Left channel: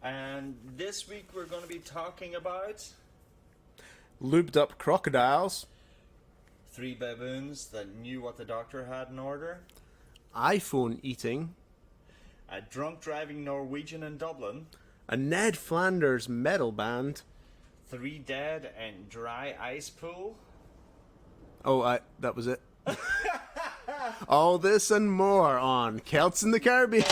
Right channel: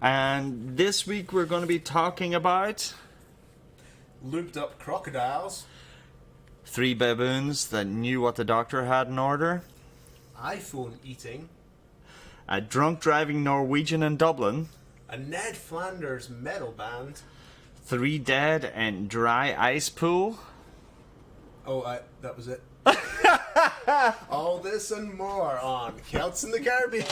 And this week we're going to be talking about Lubed up crocodiles, 3 baboons that knew what the doctor had in order, iPhone eating, a drunk driving Norwegian in Dublin, a Ned Flanders metal band. 3 dead in dry ice pool. That was it. All this and more on Celts in the Caribbean.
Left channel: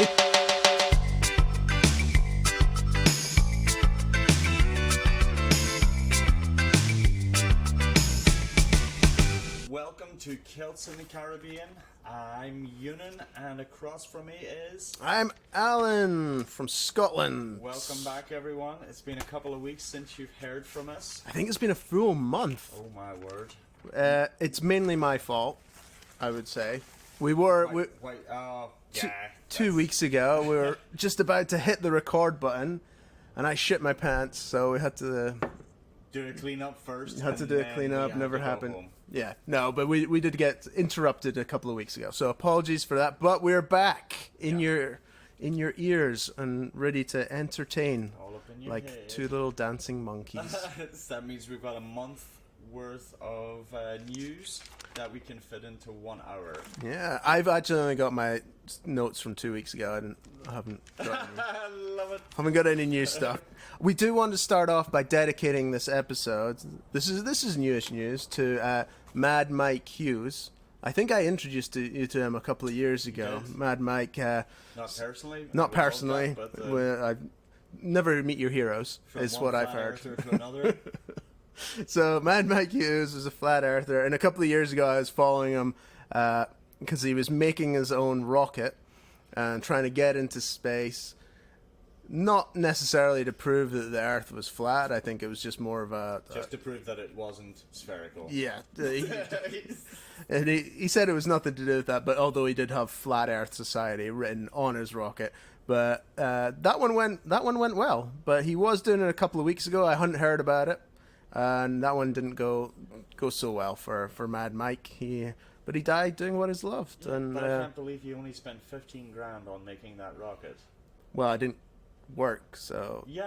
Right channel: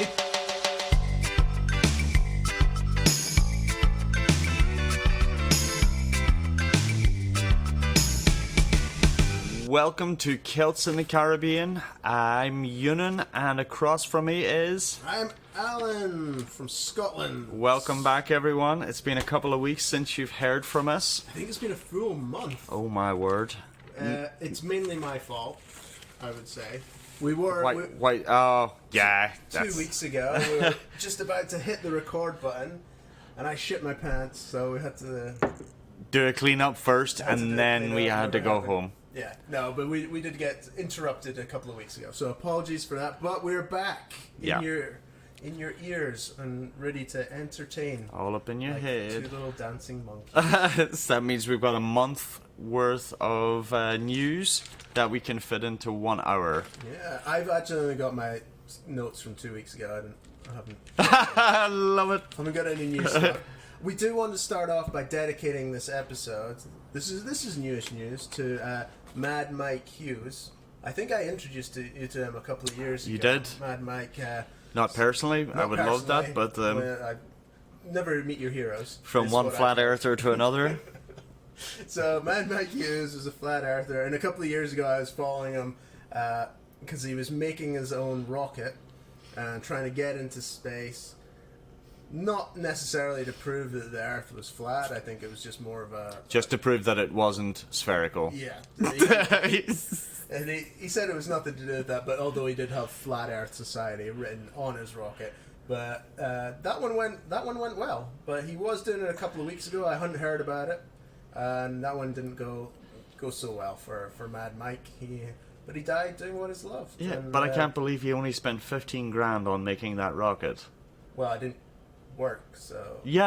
Welcome to Celts in the Caribbean. I'm Yunan, and across from me is... I'm Alan from Scotland. Welcome back, everyone. It's been a couple of weeks since you've heard from us. I think it's been a full month. Oh my word. It's mainly my fault, I would say. We were... yeah. 2 weeks ago, we were just about to hit the record button, and I shit my pants, so we had to... do a clean-up first, and then we had to go home. Yeah, no, but we did get interrupted a couple of weeks ago, so apologies for that. But we're back in your ears and ready to entertain. All up in your like head. 2 little dancing monkeys. So that means we've got a month worth of news that we can fit into 1 hour. Yeah, I've actually only got my notes from 2 weeks ago, and I haven't. I love it. Haven't got any new stuff. We do want to start off by dedicating this episode. This is newish news to Mad Mike Hughes. I think I introduced you to him a couple of years ago. You did? Mad Mike. Not personally. Not I would personally, love that, but I never meet your heroes. from one flat earther to another. So Mad Mike Hughes is a flat earther, and a couple of years ago I was following him because he was making his own rocket and trying to get into space. Not necessarily to prove that the Earth was flat. I think it was just more of a... Just to prove that it wasn't spherical. Yeah. And he said it was nothing to do with that, but although he did have Flat Earth Society written on his rocket. But that one went well. But he was doing it a couple of weeks ago. I hadn't heard about it. And that one didn't go so well for Mad Mike. But he died doing what is loved. Yeah, and, but I can't believe he only spent 15 grand on making that rocket. Well, I didn't work, so... Yeah,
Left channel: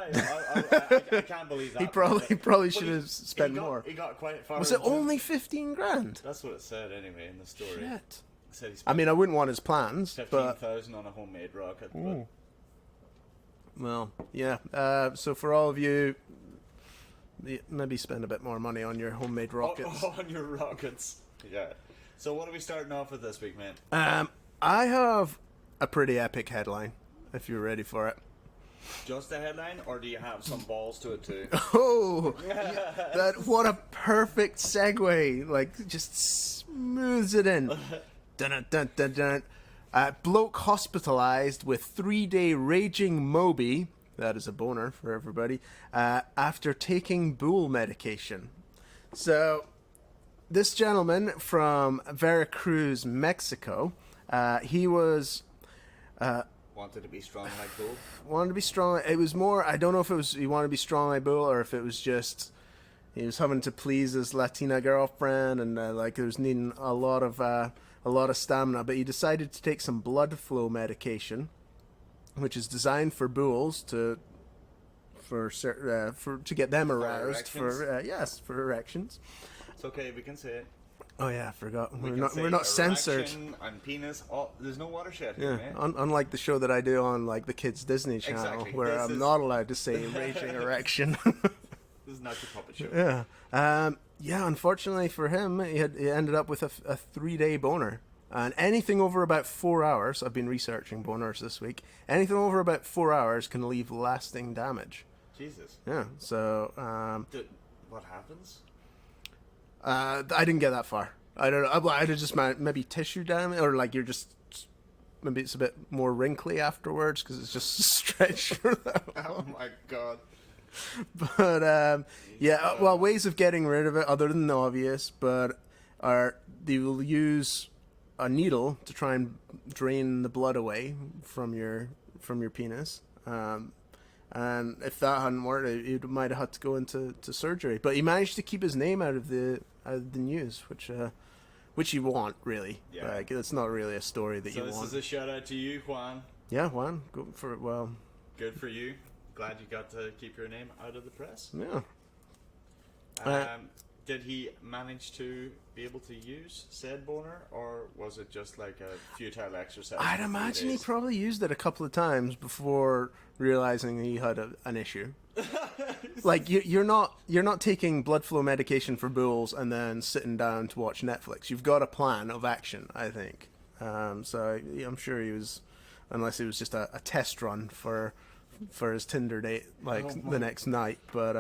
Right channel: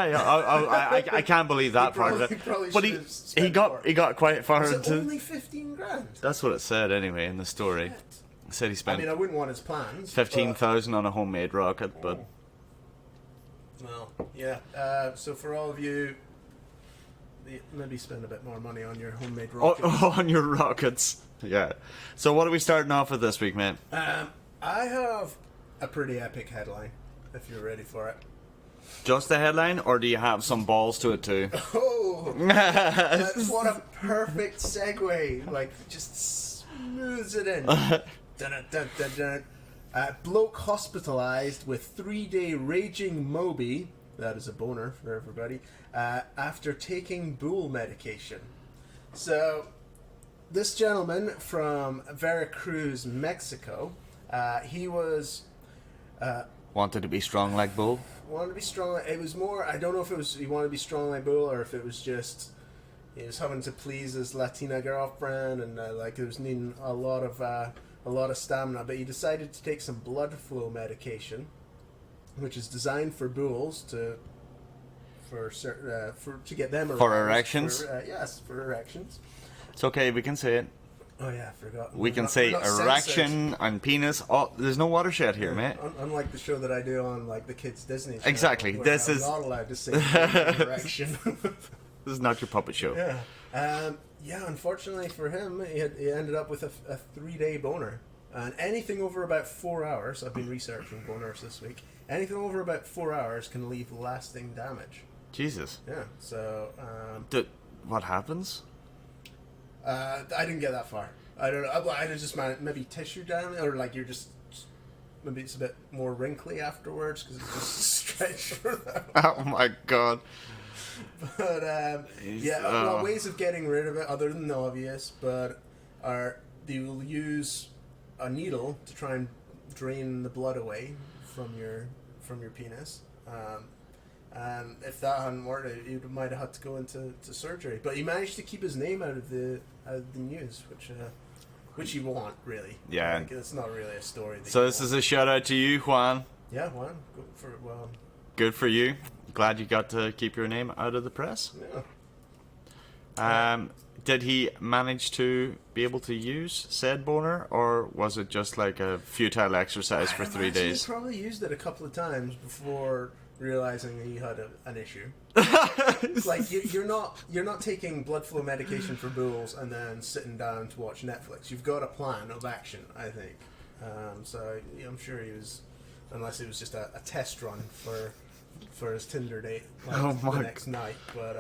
I can't believe that part of it. He probably should have spent more. He got quite far Was it into... only 15 grand? That's what it said anyway in the story. Shit. It said he spent... I mean, I wouldn't want his plans. 15,000 on a homemade rocket, but... Well, yeah. So for all of you, maybe spend a bit more money on your homemade rockets. On your rockets. Yeah. So what are we starting off with this week, man? I have a pretty epic headline, if you're ready for it. Just the headline, or do you have some balls to it too? Oh! What a perfect segue. Like, just smooths it in. Dun, dun, dun, dun, dun. Bloke hospitalized with 3-day raging Moby, that is a boner for everybody, after taking bull medication. So, this gentleman from Veracruz, Mexico, he was... Wanted to be strong like bull? Wanted to be strong. It was more, I don't know if it was he wanted to be strong like bull, or if it was just he was having to please his Latina girlfriend, and like he was needing a lot of stamina. But he decided to take some blood flow medication, which is designed for bulls to get them aroused. For erections? Yes, for erections. It's okay, we can say it. Oh yeah, I forgot. We can say erection and penis. Oh, there's no watershed here, mate. Unlike the show that I do on like the kids Disney channel, exactly. where This I'm is not allowed to say erection. This is not your puppet show. Yeah. Unfortunately for him, he ended up with a 3-day boner, and anything over about 4 hours. I've been researching boners this week. Anything over about 4 hours can leave lasting damage. Jesus. Yeah. So. What happens? I didn't get that far. I don't know. I just maybe tissue damage, or like you're just maybe it's a bit more wrinkly afterwards because it's just stretched for that. Oh my god. But well, ways of getting rid of it other than the obvious, but they will use a needle to try and drain the blood away from your penis. And if that hadn't worked, he might have had to go into surgery. But he managed to keep his name out of the news, which you want, really. Yeah. Like, it's not really a story that So you this want. is a shout out to you, Juan. Yeah, Juan. Go for it. Well, Good for you. glad you got to keep your name out of the press. Yeah. Did he manage to be able to use said boner, or was it just like a futile exercise for 3 days? He probably used it a couple of times before realizing he had an issue. Like you're not taking blood flow medication for bulls and then sitting down to watch Netflix. You've got a plan of action, I think. So yeah, I'm sure he was, unless it was just a test run for his Tinder date, like the next night. But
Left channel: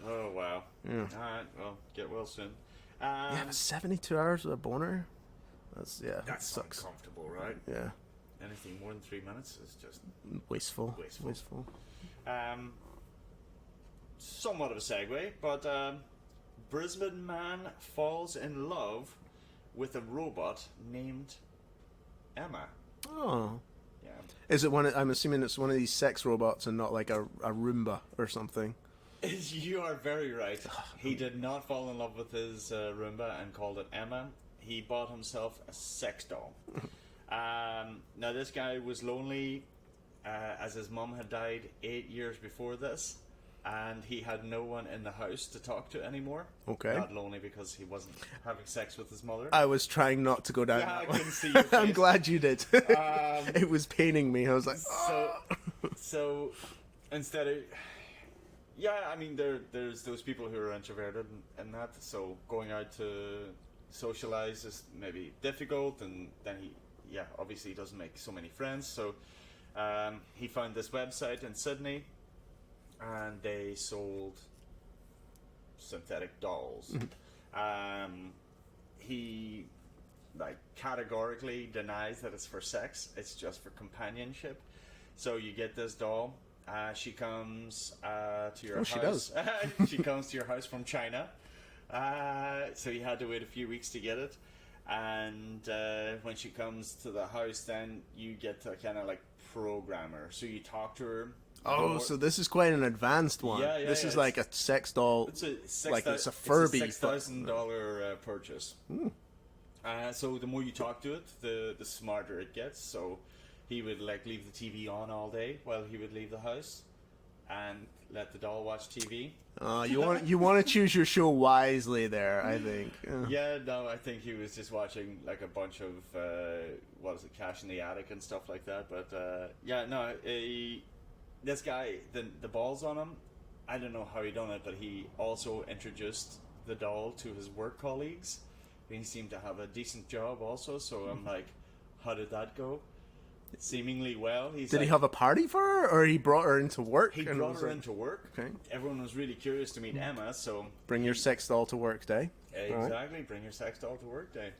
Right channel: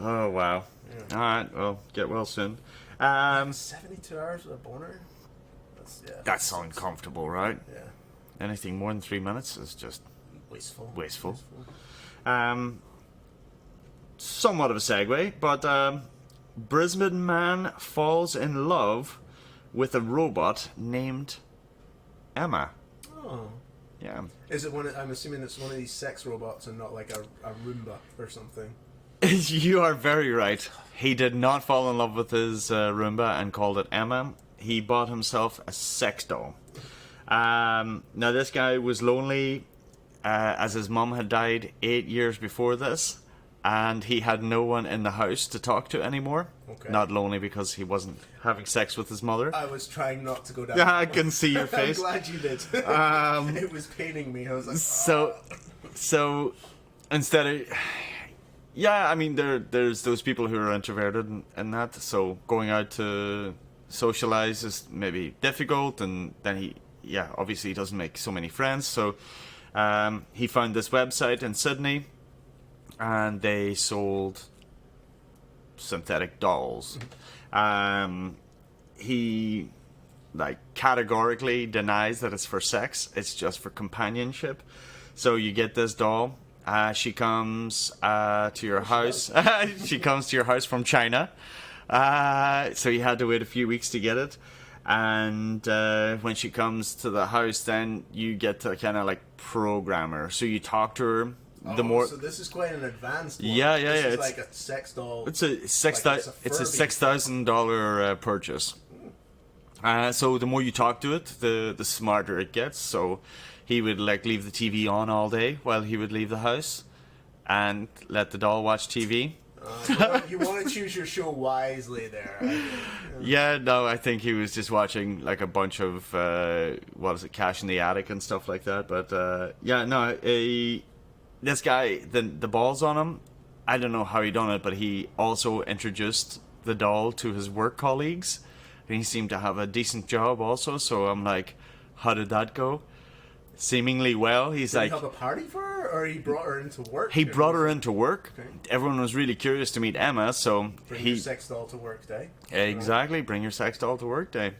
oh wow! Yeah. All right, well, get well soon. 72 hours with a boner. That's uncomfortable, right? Yeah. Anything more than 3 minutes is just Wasteful. Somewhat of a segue, but Brisbane man falls in love with a robot named Emma. Oh. Yeah. Is it one? I'm assuming it's one of these sex robots and not like a Roomba or something. You are very right. He did not fall in love with his Roomba and called it Emma. He bought himself a sex doll. Now this guy was lonely, as his mum had died 8 years before this, and he had no one in the house to talk to anymore. Okay. Not lonely because he wasn't having sex with his mother. I was trying not to go down. I can see your face. I'm glad you did. It was paining me. I was like, so instead of, yeah, I mean, there's those people who are introverted and that, so going out to socialize is maybe difficult, and then he obviously he doesn't make so many friends, so he found this website in Sydney, and they sold synthetic dolls. He categorically denies that it's for sex. It's just for companionship. So you get this doll. She comes to your house. She comes to your house from China. So you had to wait a few weeks to get it. And when she comes to the house, then you get to kind of like program her. So you talk to her. So this is quite an advanced one. Yeah. This is like a sex doll. It's a $6,000 purchase. So the more you talk to it, the smarter it gets. So he would leave the TV on all day while he would leave the house, and let the doll watch TV. You want to choose your show wisely there, I think. Yeah, no, I think he was just watching like a bunch of Cash in the Attic and stuff like that. But this guy, the balls on him, I don't know how he done it, but he also introduced the doll to his work colleagues, and he seemed to have a decent job also. So I'm like, how did that go? Seemingly well. Did he have a party for her, or he brought her into work? He brought her into work. Okay. Everyone was really curious to meet Emma, so bring your sex doll to work day. Exactly, bring your sex doll to work day.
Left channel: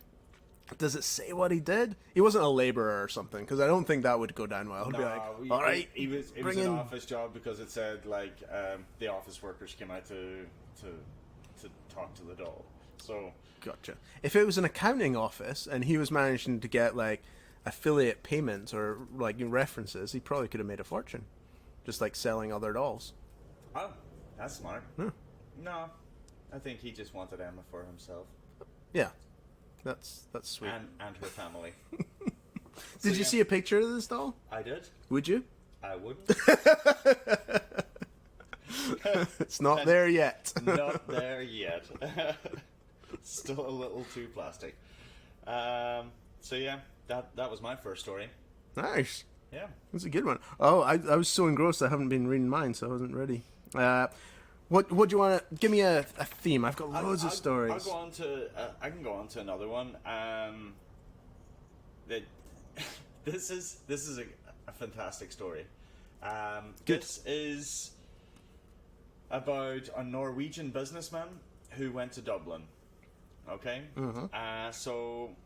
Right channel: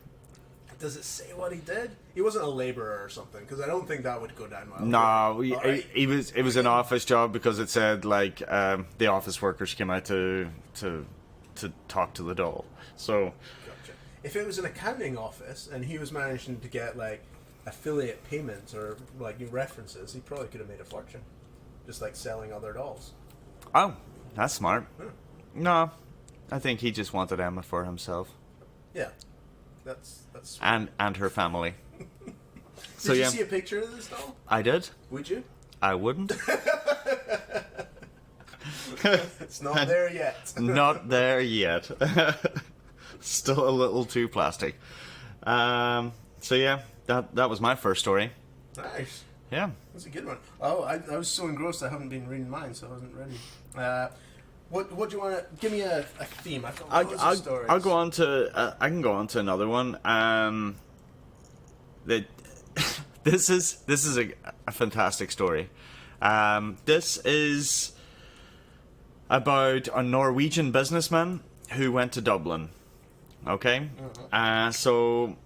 Does it say what he did? He wasn't a labourer or something, because I don't think that would go down well. No, it was an office job, because it said the office workers came out to talk to the doll. So gotcha. If it was an accounting office and he was managing to get affiliate payments or references, he probably could have made a fortune, just selling other dolls. Oh, that's smart. No, I think he just wanted Emma for himself. Yeah. That's sweet. And her family. Did you see a picture of this doll? I did. Would you? I wouldn't. It's not there yet. Not there yet. Still a little too plastic. So yeah, that was my first story. Nice. Yeah. That's a good one. Oh, I was so engrossed I haven't been reading mine, so I wasn't ready. What do you want to give me a theme? I've got loads of stories. I'll go on to I can go on to another one. This is a fantastic story. This is about a Norwegian businessman who went to Dublin. Okay? So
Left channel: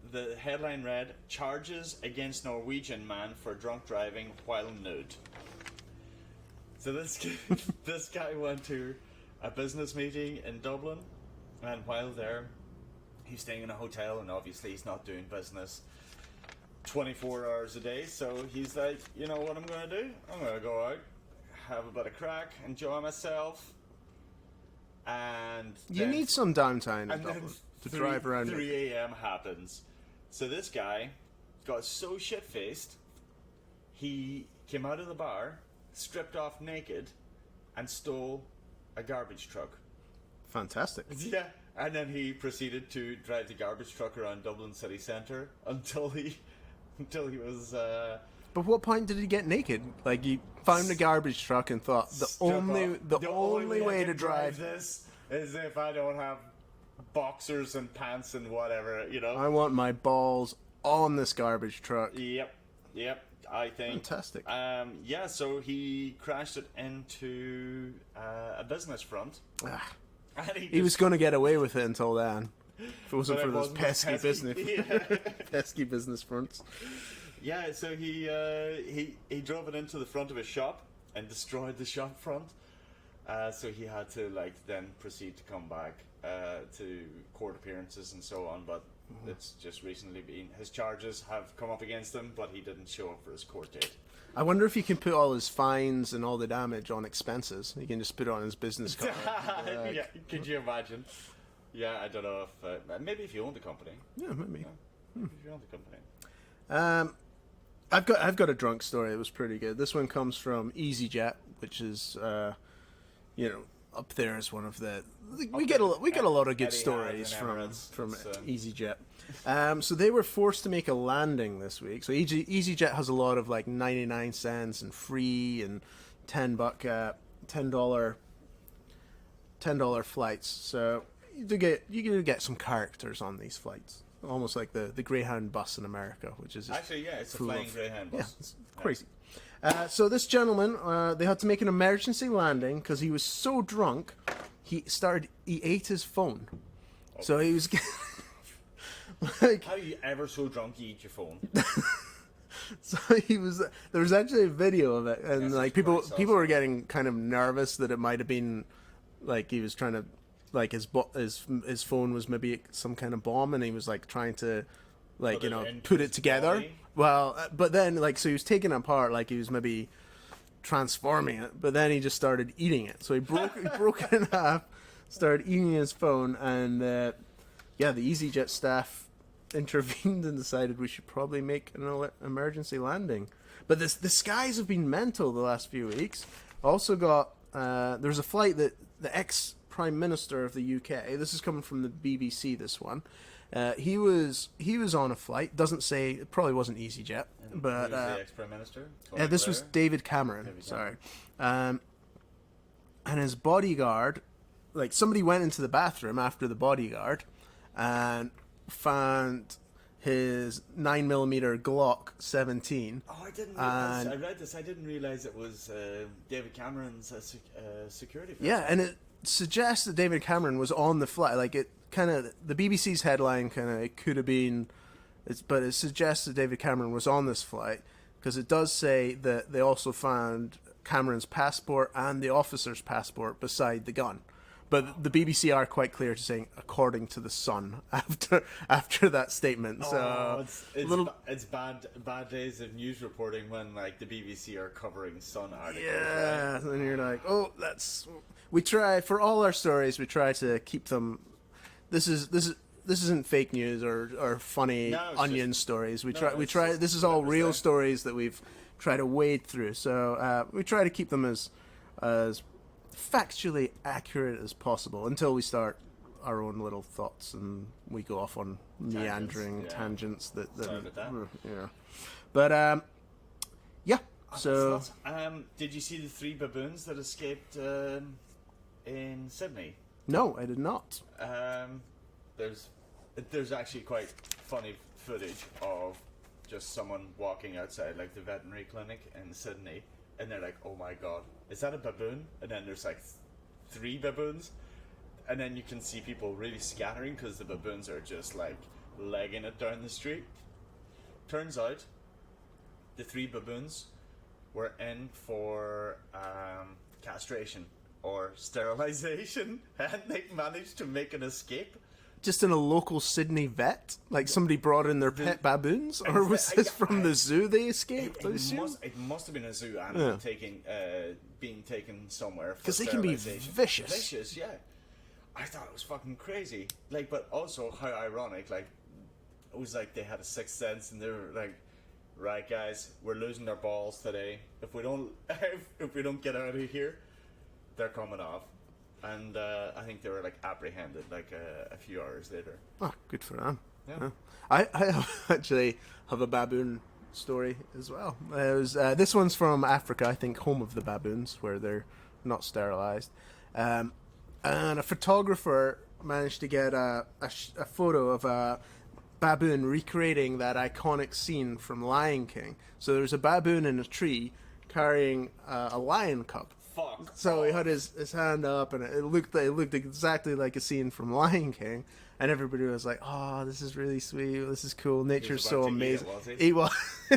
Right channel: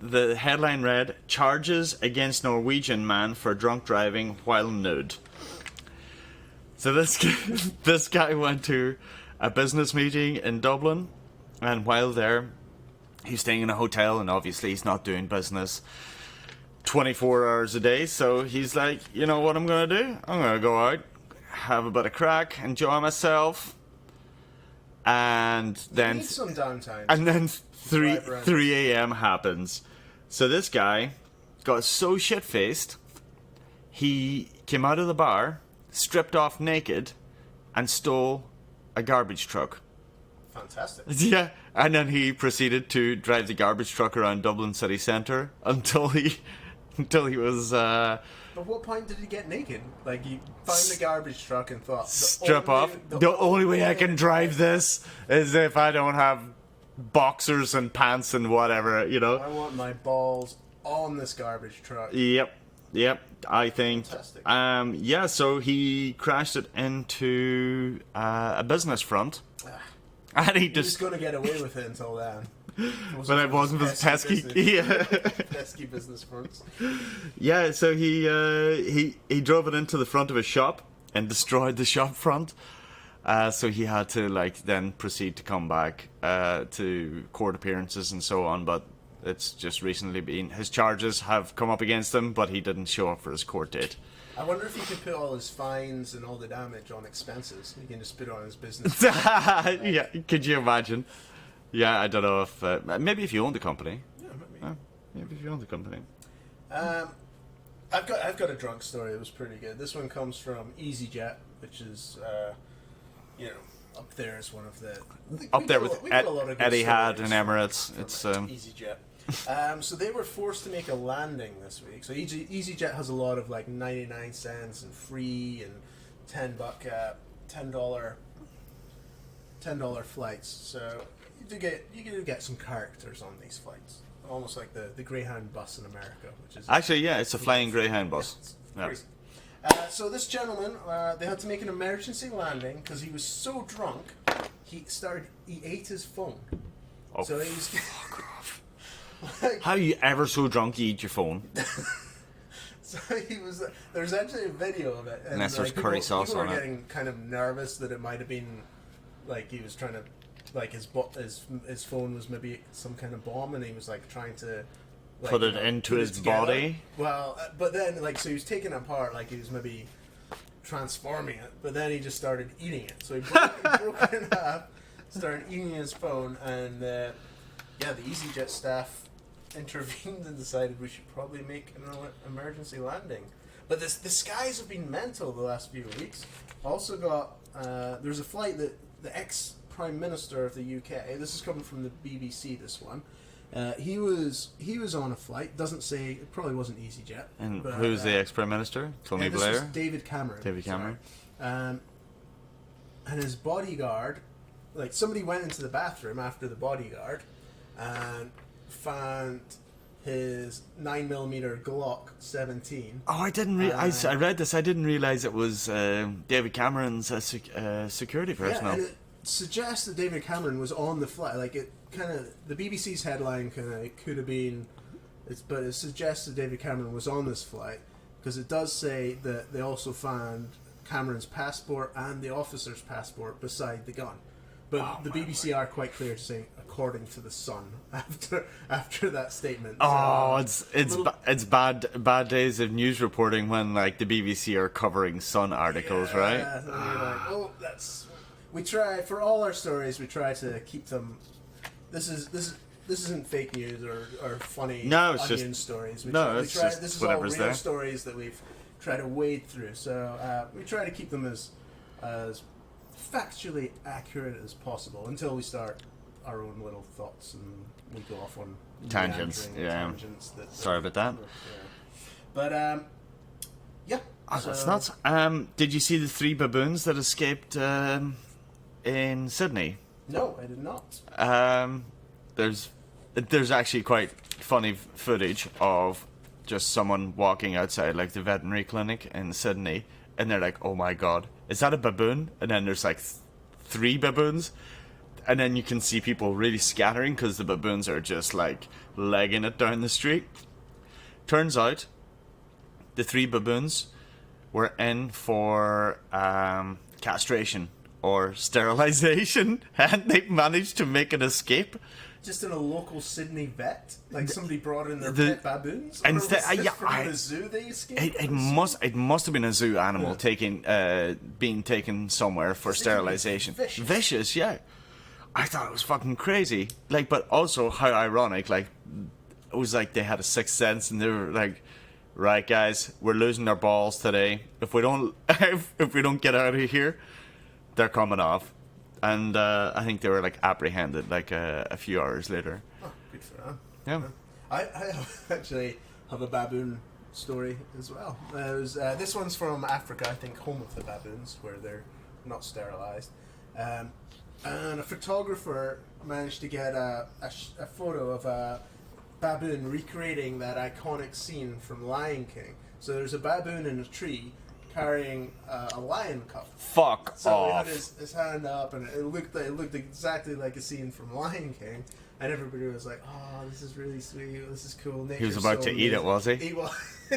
the headline read, "Charges against Norwegian man for drunk driving while nude." So this guy went to a business meeting in Dublin, and while there, he's staying in a hotel, and obviously he's not doing business 24 hours a day. So he's like, you know what I'm going to do? I'm going to go out, have a bit of crack, enjoy myself, and then... You need some downtime. And then 3 a.m. happens. So this guy got so shit-faced, he came out of the bar, stripped off naked, and stole a garbage truck. Fantastic. Yeah, and then he proceeded to drive the garbage truck around Dublin city centre until he was But what point did he get naked? Like, he found the garbage truck and thought, strip off. The only way I can drive this is if I don't have boxers and pants and whatever, you know. I want my balls on this garbage truck. Yep. I think. Fantastic. Yeah. So he crashed it into a business front, and he was going to get away with it until then. But it wasn't as pesky. Yeah. Pesky business fronts. Yeah. So he drove it into the front of his shop and destroyed the shop front. So he had to then proceed to come back to court appearances and so on, but it's just recently been his charges have come up against him, but he didn't show up for his court date. I wonder if he can put all his fines and all the damage on expenses. He can just put it on his business. Yeah, could you imagine? Yeah, I don't know if maybe if you own the company. Yeah, maybe. Maybe if you own the company. I've got a drunk story. It was pretty good. This one comes from EasyJet, which is up there as one of the. We get a lot of good Etihad stories and Emirates. from EasyJet. So they were forced to make a landing this week. So EasyJet has a lot of 99 cents and free and $10 flights. So you get some characters on these flights, almost like the Greyhound bus in America, which is actually it's a flying Greyhound bus. Yeah, it's crazy. So this gentleman, they had to make an emergency landing because he was so drunk. He ate his phone. Oh. So he was. How are you ever so drunk you eat your phone? So he was. There was actually a video of it, and people were getting kind of nervous that it might have been he was trying to his phone was maybe some kind of bomb, and he was trying to put it into his together. body. Well, but then so he was taking it apart, he was maybe transforming it, but then he just started eating it. So he broke it in half, started eating his phone, and the EasyJet staff intervened and decided we should probably make an emergency landing. But the skies have been mental the last few weeks. Also got there's a flight that the ex-Prime Minister of the UK, this is coming from the BBC, this one, he was on a flight, doesn't say, it probably wasn't EasyJet. And who's the ex-Prime Minister? Tony this Blair? was David Cameron. And his bodyguard, somebody went into the bathroom after the bodyguard and found his 9mm Glock 17. Oh, I didn't. I read this. I didn't realize it was David Cameron's security personnel. Yeah, and it suggests that David Cameron was on the flight. The BBC's headline it could have been, but it suggests that David Cameron was on this flight because it does say that they also found Cameron's passport and the officer's passport beside the gun. But the BBC are quite clear saying, according to the Sun, after that statement. Oh, it's bad days of news reporting when the BBC are covering Sun articles, right? Yeah, and you're we try for all our stories. We try to keep them. This isn't fake news or funny onion stories. We try. This is all real stories that we've tried to wade through. So we try to keep them as factually accurate as possible until we start our own little thoughts and we go off on tangents. Sorry about that. But yeah. So that's nuts. Did you see the 3 baboons that escaped in Sydney? No, I did not. There's actually quite funny footage of just someone walking outside the veterinary clinic in Sydney, and they're like, "Oh my god, is that a baboon?" And then there's 3 baboons, and then you can see people really scattering because the baboons are just legging it down the street. Turns out the 3 baboons were in for castration or sterilization, and they managed to make an escape. Just in a local Sydney vet? Somebody brought in their pet baboons? Or was this from the zoo they escaped? It must have been a zoo animal being taken somewhere for sterilization. Vicious, yeah. I thought it was fucking crazy. But also how ironic, it was they had a sixth sense and they were right, guys, we're losing our balls today. If we don't, if we don't get out of here, they're coming off. And I think they were like apprehended like a few hours later. Oh, good for them. Yeah. I actually have a baboon story as well. This one's from Africa, I think, home of the baboons, where they're not sterilized. And a photographer managed to get a photo of a baboon recreating that iconic scene from Lion King. So there's a baboon in a tree carrying a lion cub. Fuck So off. he had his hand up, and it looked exactly like a scene from Lion King. And everybody was like, "Oh, this is really sweet. This is cool. Nature's He was about so to eat it, amazing." was he? He was. So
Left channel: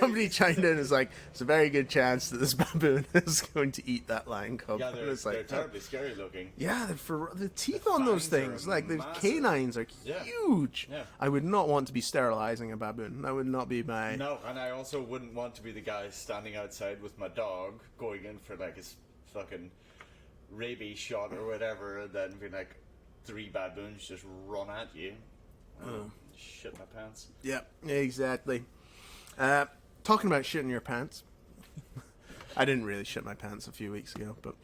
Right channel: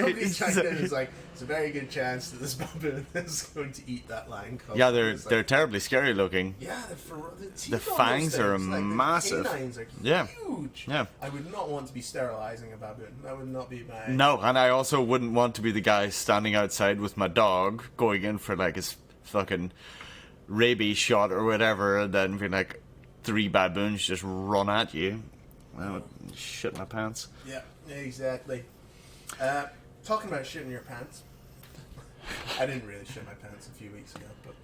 somebody chimed in and was like, "It's a very good chance that this baboon is going to eat that lion cub." Yeah, It was they're terribly scary looking. Yeah, the teeth The on fangs those are things, like massive. the canines are Yeah. huge. Yeah. I would not want to be sterilizing a baboon. That would not be my. No, and I also wouldn't want to be the guy standing outside with my dog going in for like his fucking rabies shot or whatever, and then being like 3 baboons just run at you. Well, shit my pants. Yeah, exactly. Talking about shitting your pants. I didn't really shit my pants a few weeks ago, but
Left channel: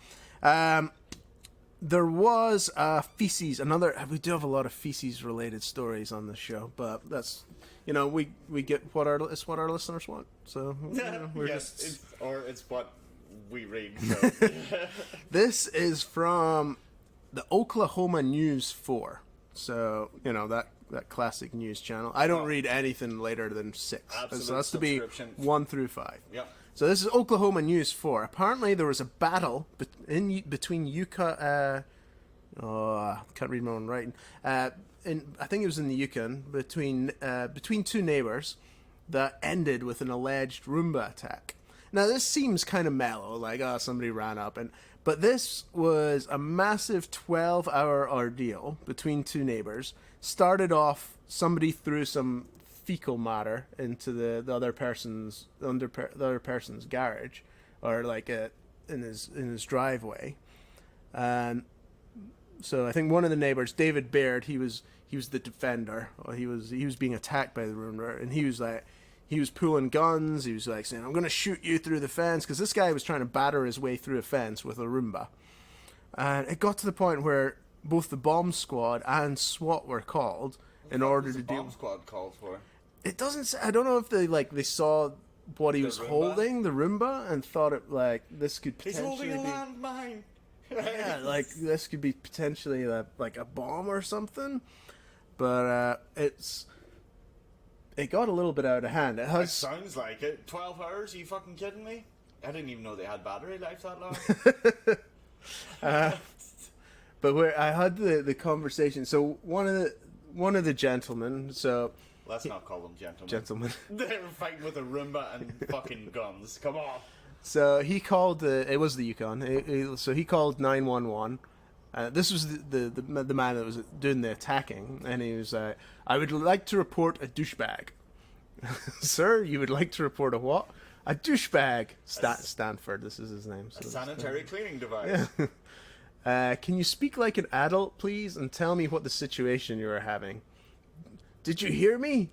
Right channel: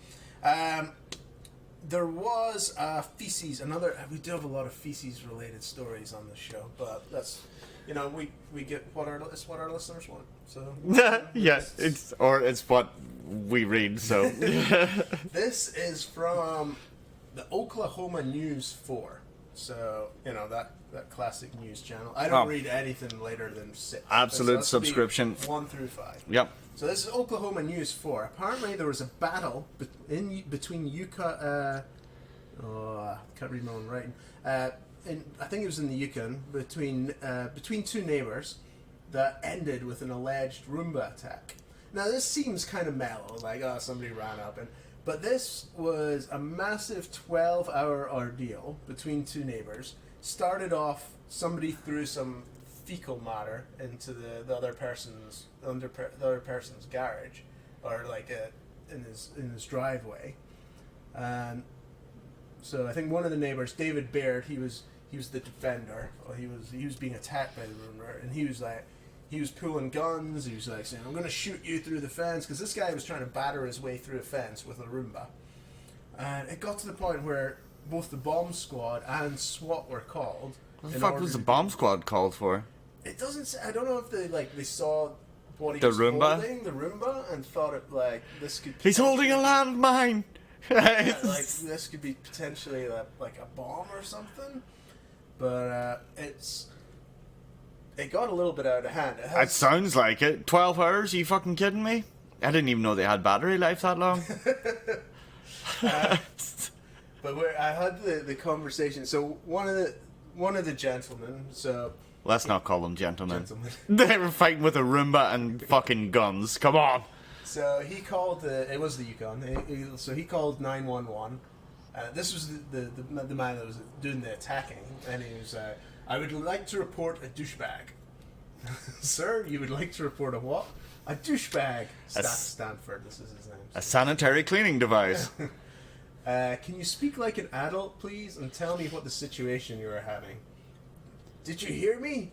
there was feces. We do have a lot of feces related stories on this show, but that's we get what our listeners want. So Yes, it's what we read. So this is from the Oklahoma News 4. So that classic news channel. I don't read anything later than 6. Absolute So this will be subscription. 1 through 5. Yep. So this is Oklahoma News 4. Apparently there was a battle between Yukon. Can't read my own writing. I think it was in the Yukon between 2 neighbors that ended with an alleged Roomba attack. Now this seems kind of mellow, like somebody ran up but this was a massive 12-hour ordeal between 2 neighbors. Started off, somebody threw some fecal matter into the other person's garage, or like in his driveway, and so I think one of the neighbors, David Baird, he was the defender. He was being attacked by the Roomba, and he was pulling guns. He was like saying, "I'm going to shoot you through the fence," because this guy was trying to batter his way through a fence with a Roomba. And it got to the point where both the bomb squad and SWAT were called. What the fuck was the bomb squad called for? It doesn't say. I don't know if they saw what he The was Roomba? holding, the Roomba, and thought it like this could. He's holding a potentially landmine. Yeah, like this could be potentially like a bomb or something. But it got a little bit out of hand. It sounds like it. 12 hours? Are you fucking kidding me? I didn't even know they had battery life that long. But where I had the conversation, so one of the gentlemen, so Let's not call them gentlemen. gentlemen. They were fighting with a Roomba and fucking guns. Come on. So he called it was the Yukon. So he called 911. This was the man that was doing the attacking, and he was I would like to report a douchebag. Sir, you would like to report a what? A douchebag. Stanford, this is his name. A sanitary cleaning device. Can you speak like an adult, please, and tell me what the situation you are having? Did you hear me?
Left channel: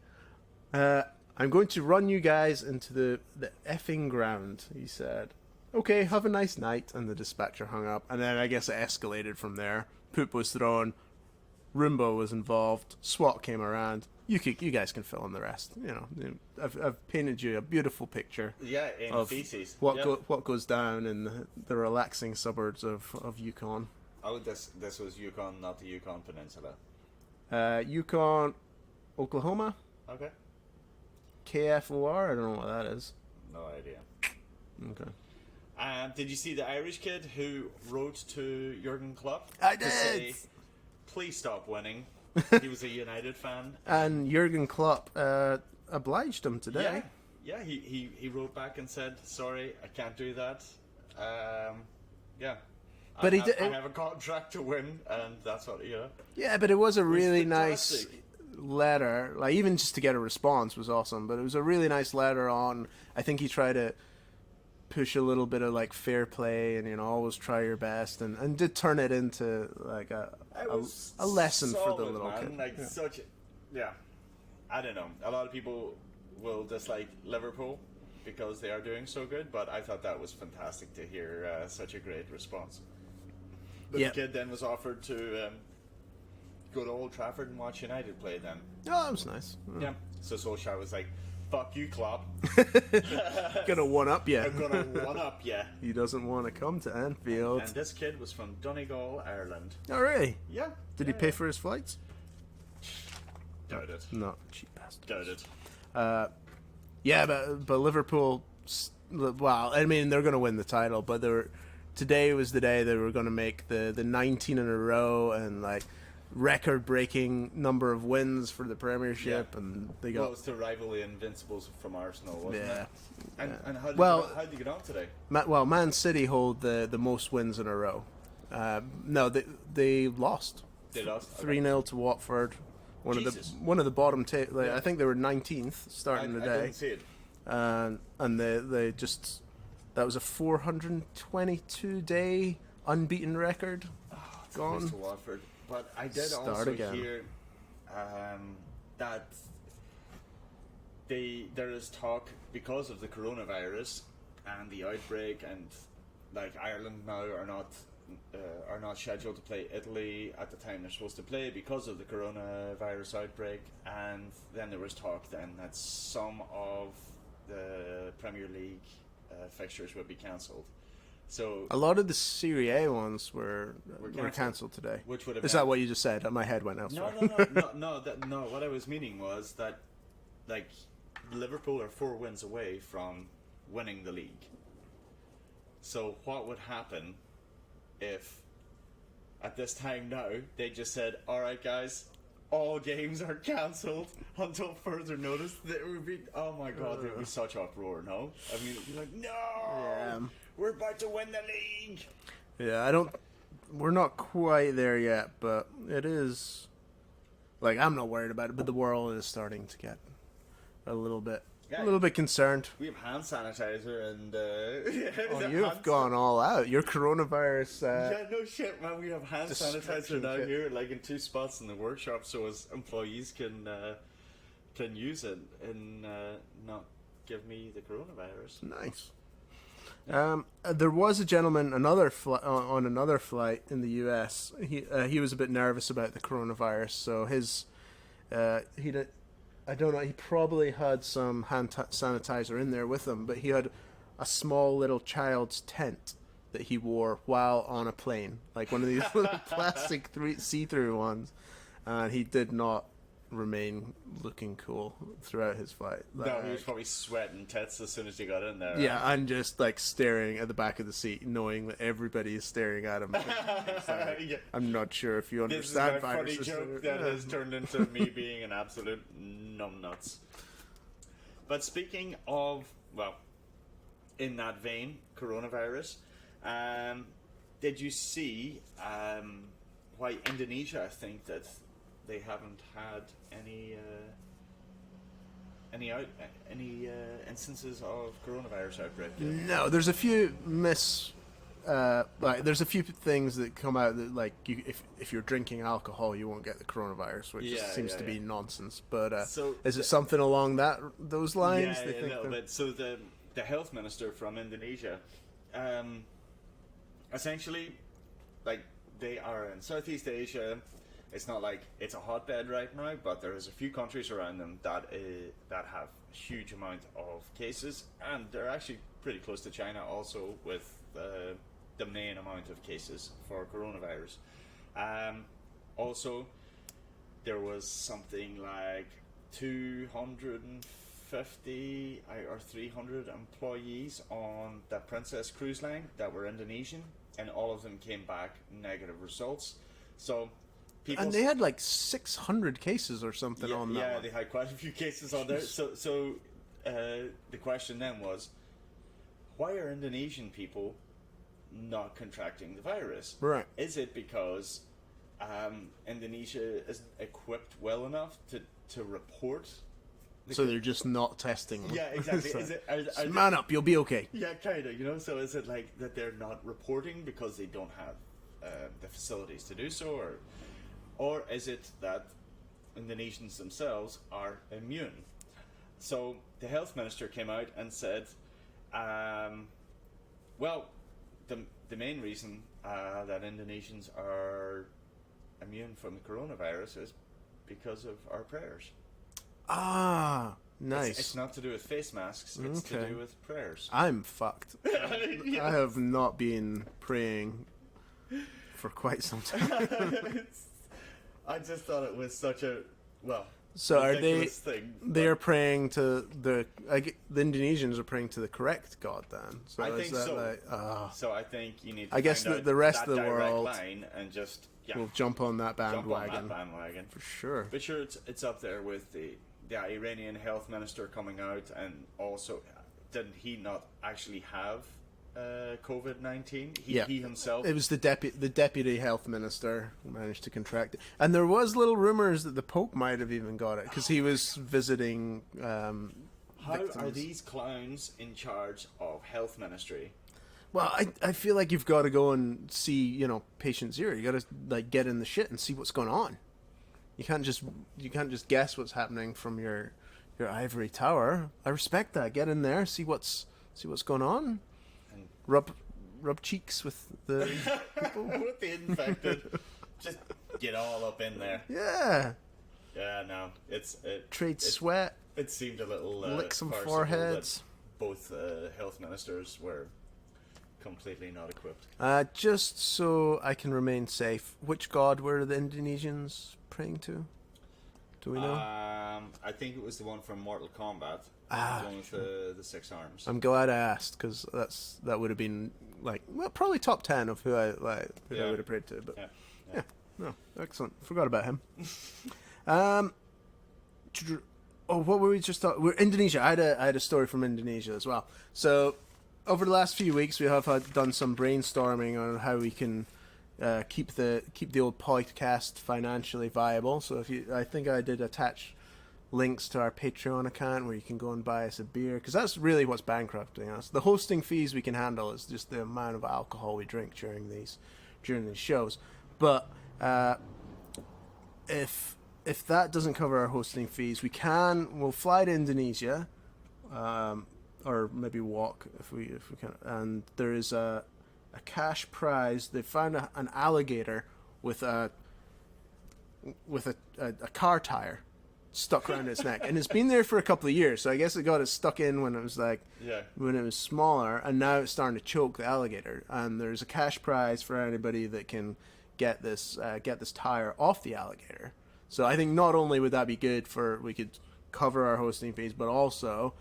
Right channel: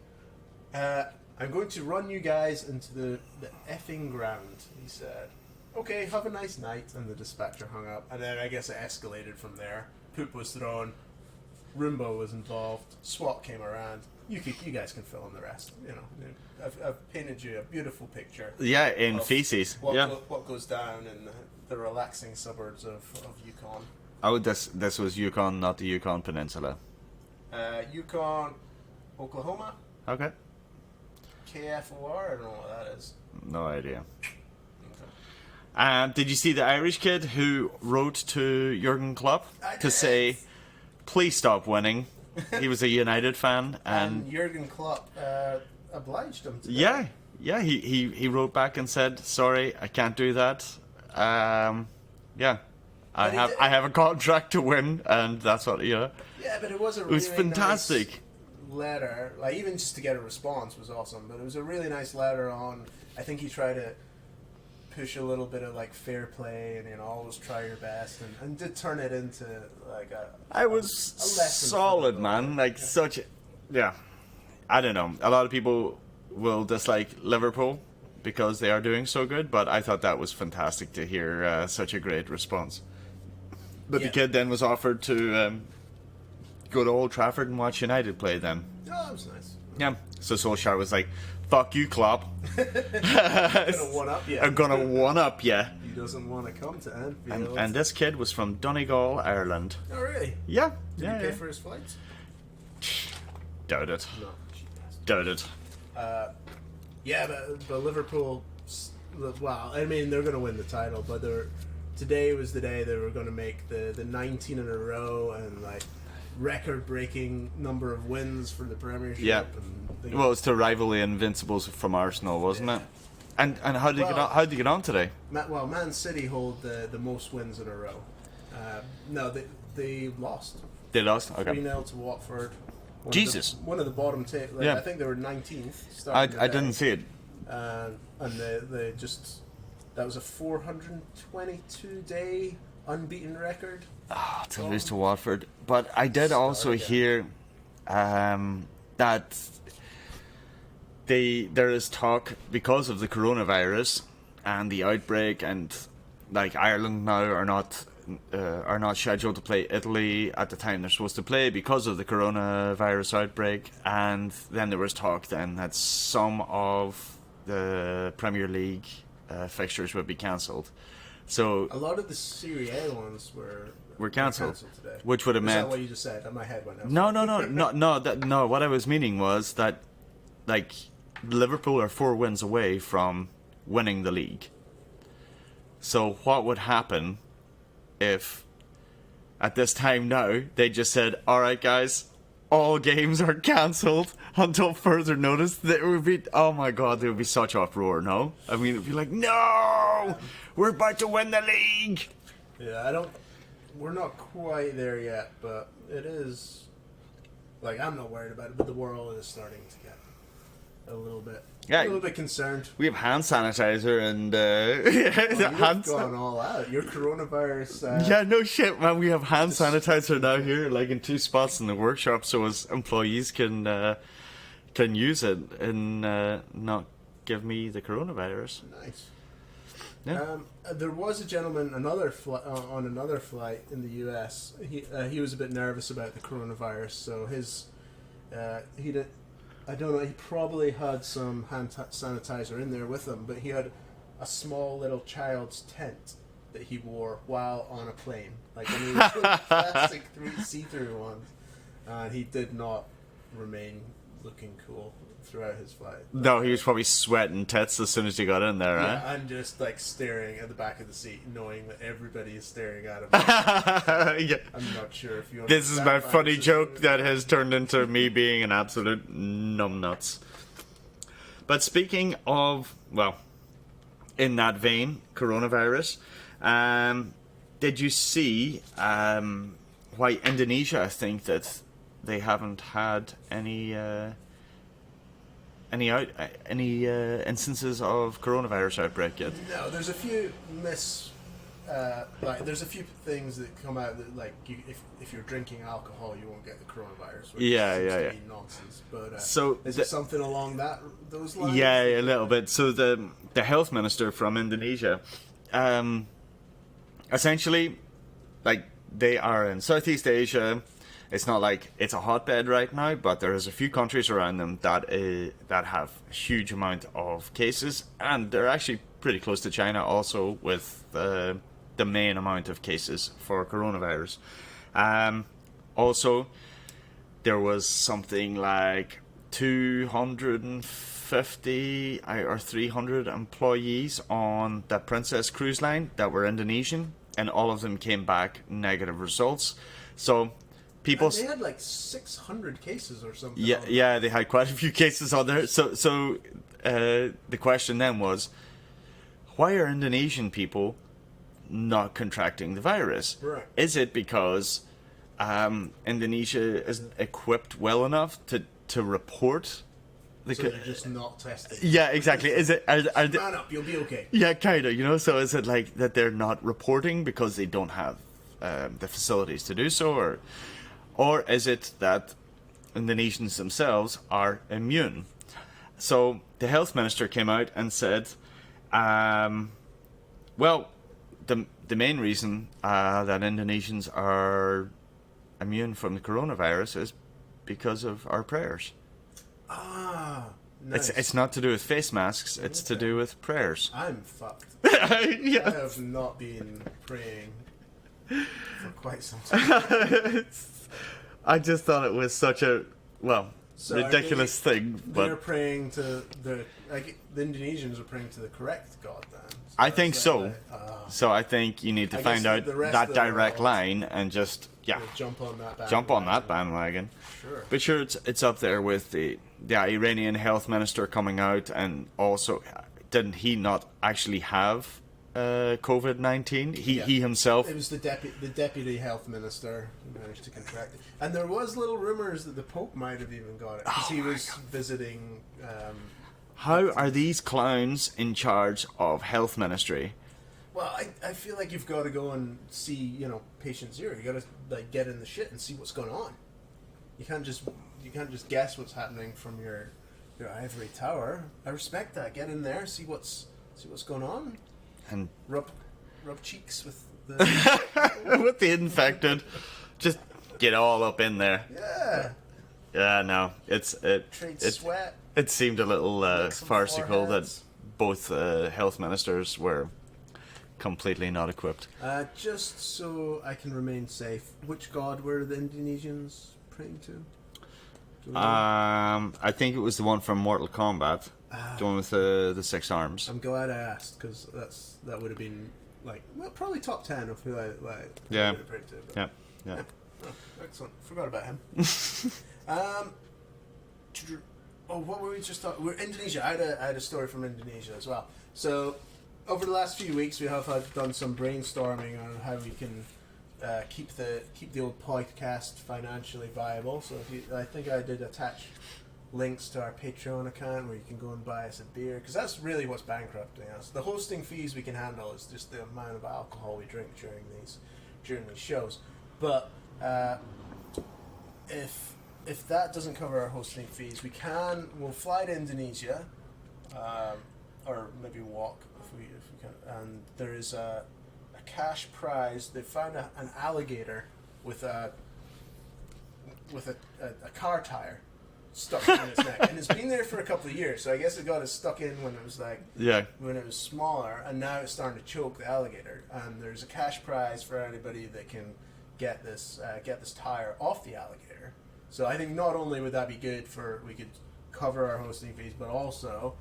I'm going to run you guys into the effing ground, he said. Okay, have a nice night. And the dispatcher hung up. And then I guess it escalated from there. Poop was thrown. Roomba was involved. SWAT came around. You guys can fill in the rest. I've painted you a beautiful picture. Yeah, in of feces. What goes down in the relaxing suburbs of Yukon. Oh, this was Yukon, not the Yukon Peninsula. Yukon, Oklahoma. Okay. KFOR. I don't know what that is. No idea. Okay. Did you see the Irish kid who wrote to Jurgen Klopp I to did. say, "Please stop winning"? He was a United fan, And Jurgen Klopp obliged him today. yeah. He wrote back and said, "Sorry, I can't do that." Yeah. But I have a contract to win, and that's what Yeah, but it was a It was really fantastic. nice letter. Like, even just to get a response was awesome. But it was a really nice letter on. I think he tried to push a little bit of like fair play and always try your best, and did turn it into like a was lesson. solid, for man. Like such. Yeah. I don't know. A lot of people will dislike Liverpool because they are doing so good, but I thought that was fantastic to hear such a great response. But Yeah. the kid then was offered to go to Old Trafford and watch United play then. Oh, that was nice. Yeah. So Solskjaer was like, fuck you, Klopp. Gonna one up you. I'm gonna one up ya. He doesn't want to come to Anfield. And this kid was from Donegal, Ireland. Oh, really? Yeah. Did yeah, he pay yeah. for his flights? Doubt it. No, cheap bastard. Doubt it. Yeah, but Liverpool. Well, I mean, they're going to win the title, but today was the day they were going to make the 19 in a row and like record-breaking number of wins for the Premiership. Yeah. And Well, it's to rival the Invincibles from Arsenal, wasn't Yeah. it? And how did Well- how did they get on today? Man City hold the most wins in a row. No, they lost. They lost. 3-0 to Watford. Jesus. One of the bottom Yeah. I think they were 19th. I starting the day. didn't see it. And they just, that was a 422 day unbeaten record. Oh, to lose to Watford. But I did Start also again. hear that there is talk because of the coronavirus and the outbreak, and like Ireland now are not scheduled to play Italy at the time they're supposed to play because of the coronavirus outbreak. And then there was talk then that some of the Premier League fixtures would be cancelled. So A lot of the Serie A ones were cancelled, today. which would have Is meant that what you just said? My head went out. No. What I was meaning was that, like, Liverpool are 4 wins away from winning the league. So what would happen if, at this time now, they just said, "All right, guys, all games are cancelled until further notice"? That would be, oh my god, there would be such uproar. No, I mean, it'd be like, no, we're about to win the league. Yeah, we're not quite there yet, but it is. Like, I'm not worried about it, but the world is starting to get a little bit concerned. We have hand sanitizer and You've hand gone all out. Your coronavirus. Yeah, no shit, man. We have hand sanitizer now here, like in 2 spots in the workshop, so as employees can use it and not give me the coronavirus. Nice. Yeah. There was a gentleman, on another flight in the U.S. He was a bit nervous about the coronavirus, so I don't know. He probably had some hand sanitizer in there with him, but he had a small little child's tent that he wore while on a plane, like one of these plastic see-through ones. He did not remain looking cool throughout his flight. No, he was probably sweating tits as soon as he got in there, right? Yeah, I'm just like staring at the back of the seat, knowing that everybody is staring at him. Yeah. I'm not sure if you. This is understand my my funny position. joke that has turned into me being an absolute numbnuts. But speaking of, well, in that vein, coronavirus, did you see why Indonesia, I think that they haven't had any instances of coronavirus outbreak yet? No, there's a few there's a few things that come out that, like, if you're drinking alcohol, you won't get the coronavirus, which seems to be nonsense. But So is it something along those lines? Yeah, a little bit. So the health minister from Indonesia, essentially, like, they are in Southeast Asia. It's not like it's a hotbed right now, but there is a few countries around them that have a huge amount of cases, and they're actually pretty close to China also with the main amount of cases for coronavirus. Also, there was something like 250 or 300 employees on the Princess cruise line that were Indonesian, and all of them came back negative results. So people, And they had like 600 cases or something. yeah, they had quite a few cases on there. So the question then was, why are Indonesian people not contracting the virus? Right. Is it because Indonesia isn't equipped well enough to report? So they're just not testing. Yeah, exactly. Is it? Are Man up, you'll be okay. yeah, kind of. You know. So is it like that they're not reporting because they don't have the facilities to do so, or is it that Indonesians themselves are immune? So the health minister came out and said, well, the main reason that Indonesians are immune from the coronavirus is because of our prayers. Ah, nice. It's not to do with face masks, it's to do with prayers. I'm fucked. Yeah. I have not been praying for quite some time. I just thought it was such a, So ridiculous thing. They're praying to the Indonesians are praying to the correct God then. So I think so. like, So I think you need to I guess find out the rest that of the direct world line and just we'll jump on that bandwagon. jump on that bandwagon. Sure. But sure, it's up there with the Iranian health minister coming out, and also didn't he not actually have COVID-19? He himself. It was the deputy health minister managed to contract it, and there was little rumors that the Pope might have even got it because he was visiting. How are these clowns in charge of health ministry? Well, I feel like you've got to go and see, patient zero. You got to like get in the shit and see what's going on. You can't just guess what's happening from your ivory tower. I respect that. Get in there, see what's going on, And rub cheeks with the with the infected, just get all up in there. yeah. Yeah, no, Trade sweat. It seemed a little Lick some farcical that foreheads. both health ministers were completely not equipped. Just so I can remain safe, which god were the Indonesians praying to? Do we know? I think it was the one from Mortal Kombat, the one with the 6 arms. I'm glad I asked because that would have been probably top 10 of who I would have prayed to. But Yeah. No, excellent. Forgot about him. What were we just talking? We're Indonesia. I had a story from Indonesia as well. So over the last few weeks, we have done some brainstorming on how we can keep the old podcast financially viable. So I think I did attach links to our Patreon account where you can go and buy us a beer, because that's really what's bankrupting us. The hosting fees we can handle is just the amount of alcohol we drink during these shows. But if that doesn't cover our hosting fees, we'll fly to Indonesia, or maybe walk if we can. And there is a cash prize. They found an alligator with a car tire stuck in its neck, and it's been there for a couple of years. So I guess it got stuck in when it was when it was smaller, and now it's starting to choke the alligator. And there's a cash prize for anybody that can get this tire off the alligator. So I think not only would that be good we could cover our hosting fees, but also